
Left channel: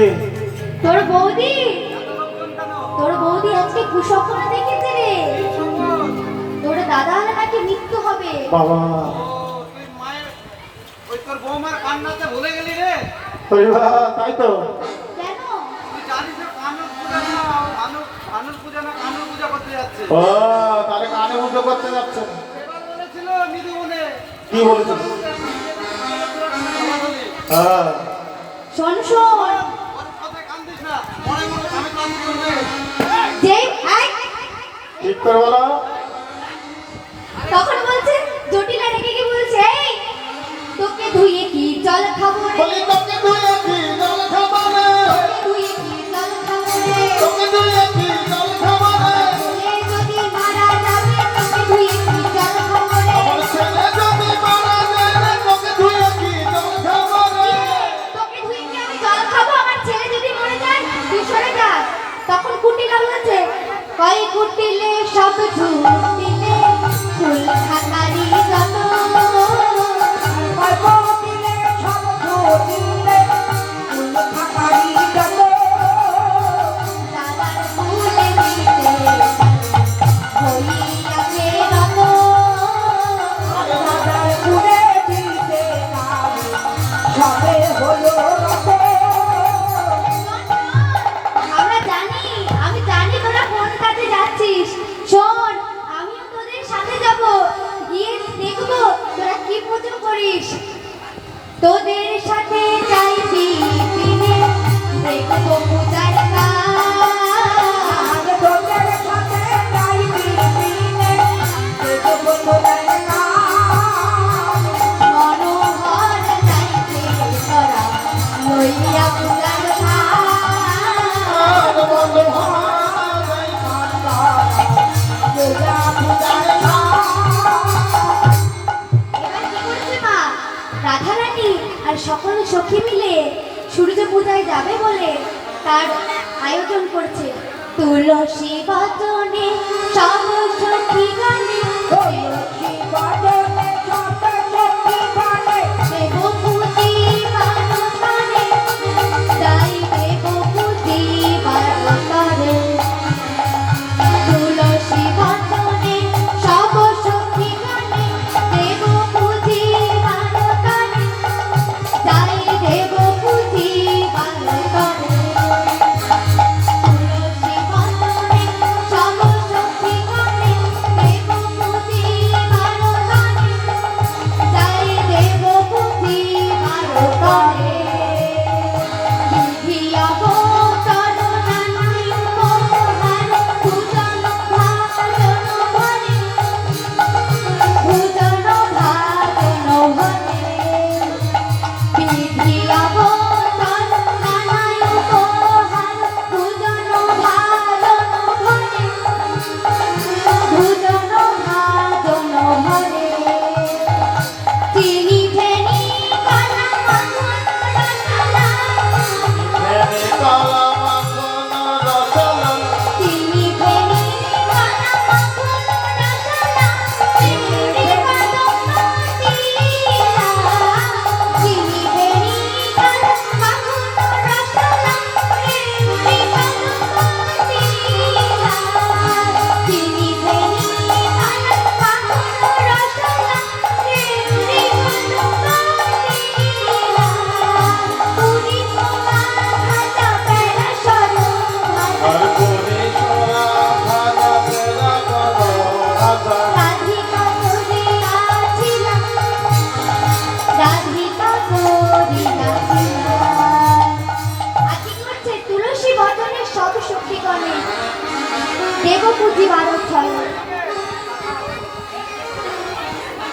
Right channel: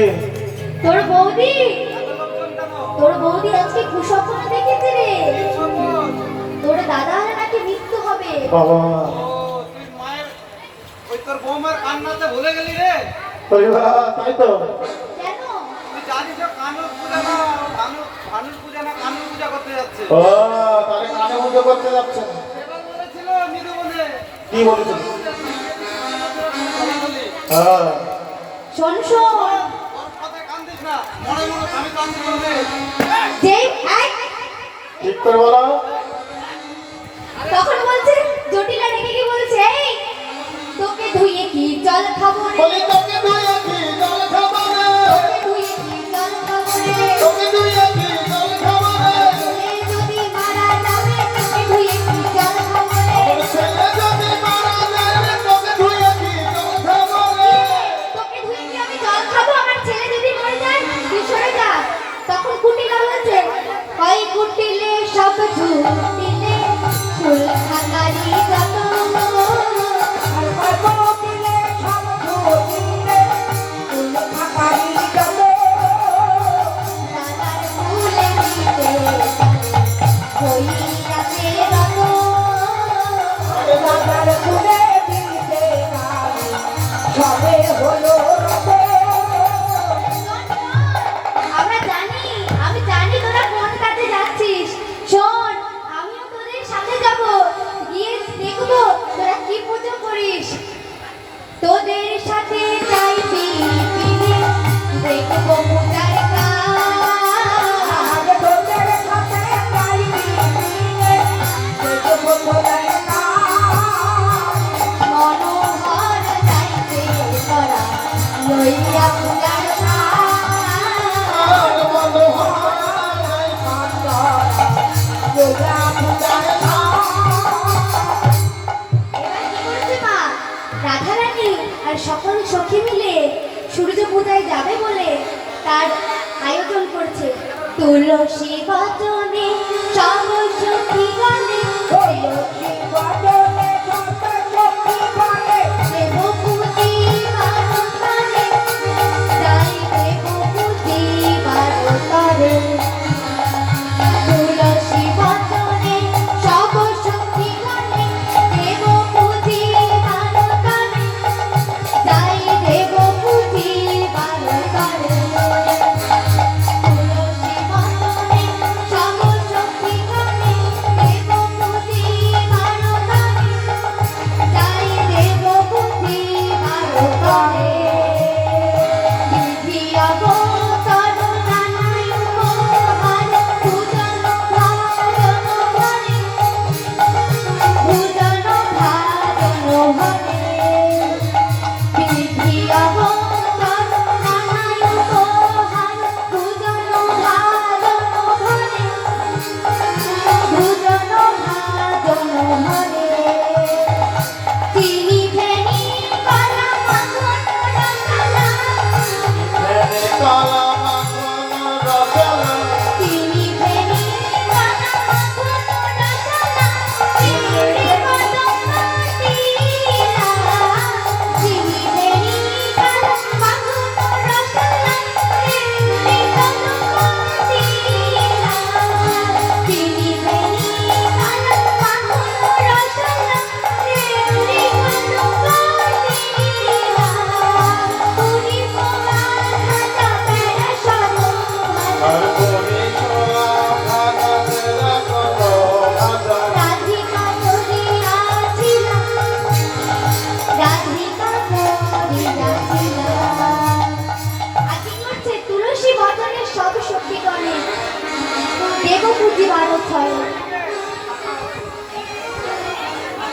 তোর বৌদি, এত লোকজন কেন? তোর বৌদি আজকে কুস্বপ্ন দেখেছে রে। কি সম্ভব? তোর দাদার নাকি মৃত্যু হবে। বাবা, ও, তুই মায়ের ওই তোর বৌমার কান্নাতে ভুলে গেলি রে? ওই তাই তো। কেন? তুই জানিস যে কানুর পূজা না ভানুর পূজা না কানুর পূজা করতে যাচ্ছে। ও, তাহলে কানে পুজো করতে যাচ্ছে। এবার বলেছিল নিধু বলে। কি বলেছিল? বলি, হ্যাঁ, শোন শোন, ওর কথায় কান দিস না, মনে মনে আমি কান করবে। যে এক ঠিক করে বলো। তখন বলছে জটিলা রেখে কি বলছে, এই তোকে ধুয়ে কি জল খাবো রে, বলি তোকে ধুয়ে কি জল খাবো রে, তোকে ধুয়ে কি জল খাবো রে, তোকে ধুয়ে কি জল খাবো রে, ছেলে যদি মারা যাবে তোকে ধুয়ে কি জল খাবো রে। আমার ছেলে যদি মারা যায় রে, তোকে ধুয়ে কি জল খাবো রে। তোকে ধুয়ে কি আমি জল খাবো? আমার ছেলে যদি মরে যায় তুই সরে যা। তখন কুটিলা বলছে কই কুটিলে সব ঝুটিলে ফুল খাতারি যত, আর গল্প দিলে সব দিলে ফুল খাতারি যত। দাদার ফুলে দিতে হইয়াছে রত। আর বাজার ফুলে দিতে নারী সবে হলো রত। আমরা জানি, আমি জানি তোরা কোন কাজে যাচ্ছিস। শোন, লইয়া পূজার ভার। আর মনোহর গাই লইয়া পূজার ভার। এবার কি করেছে মা? রাধারানী আর সকল সখী মিলে সূর্য পূজায় যাবে বলে তার আয়োজন করছে। তুলসী বচনে সব সখী গানে তুলসী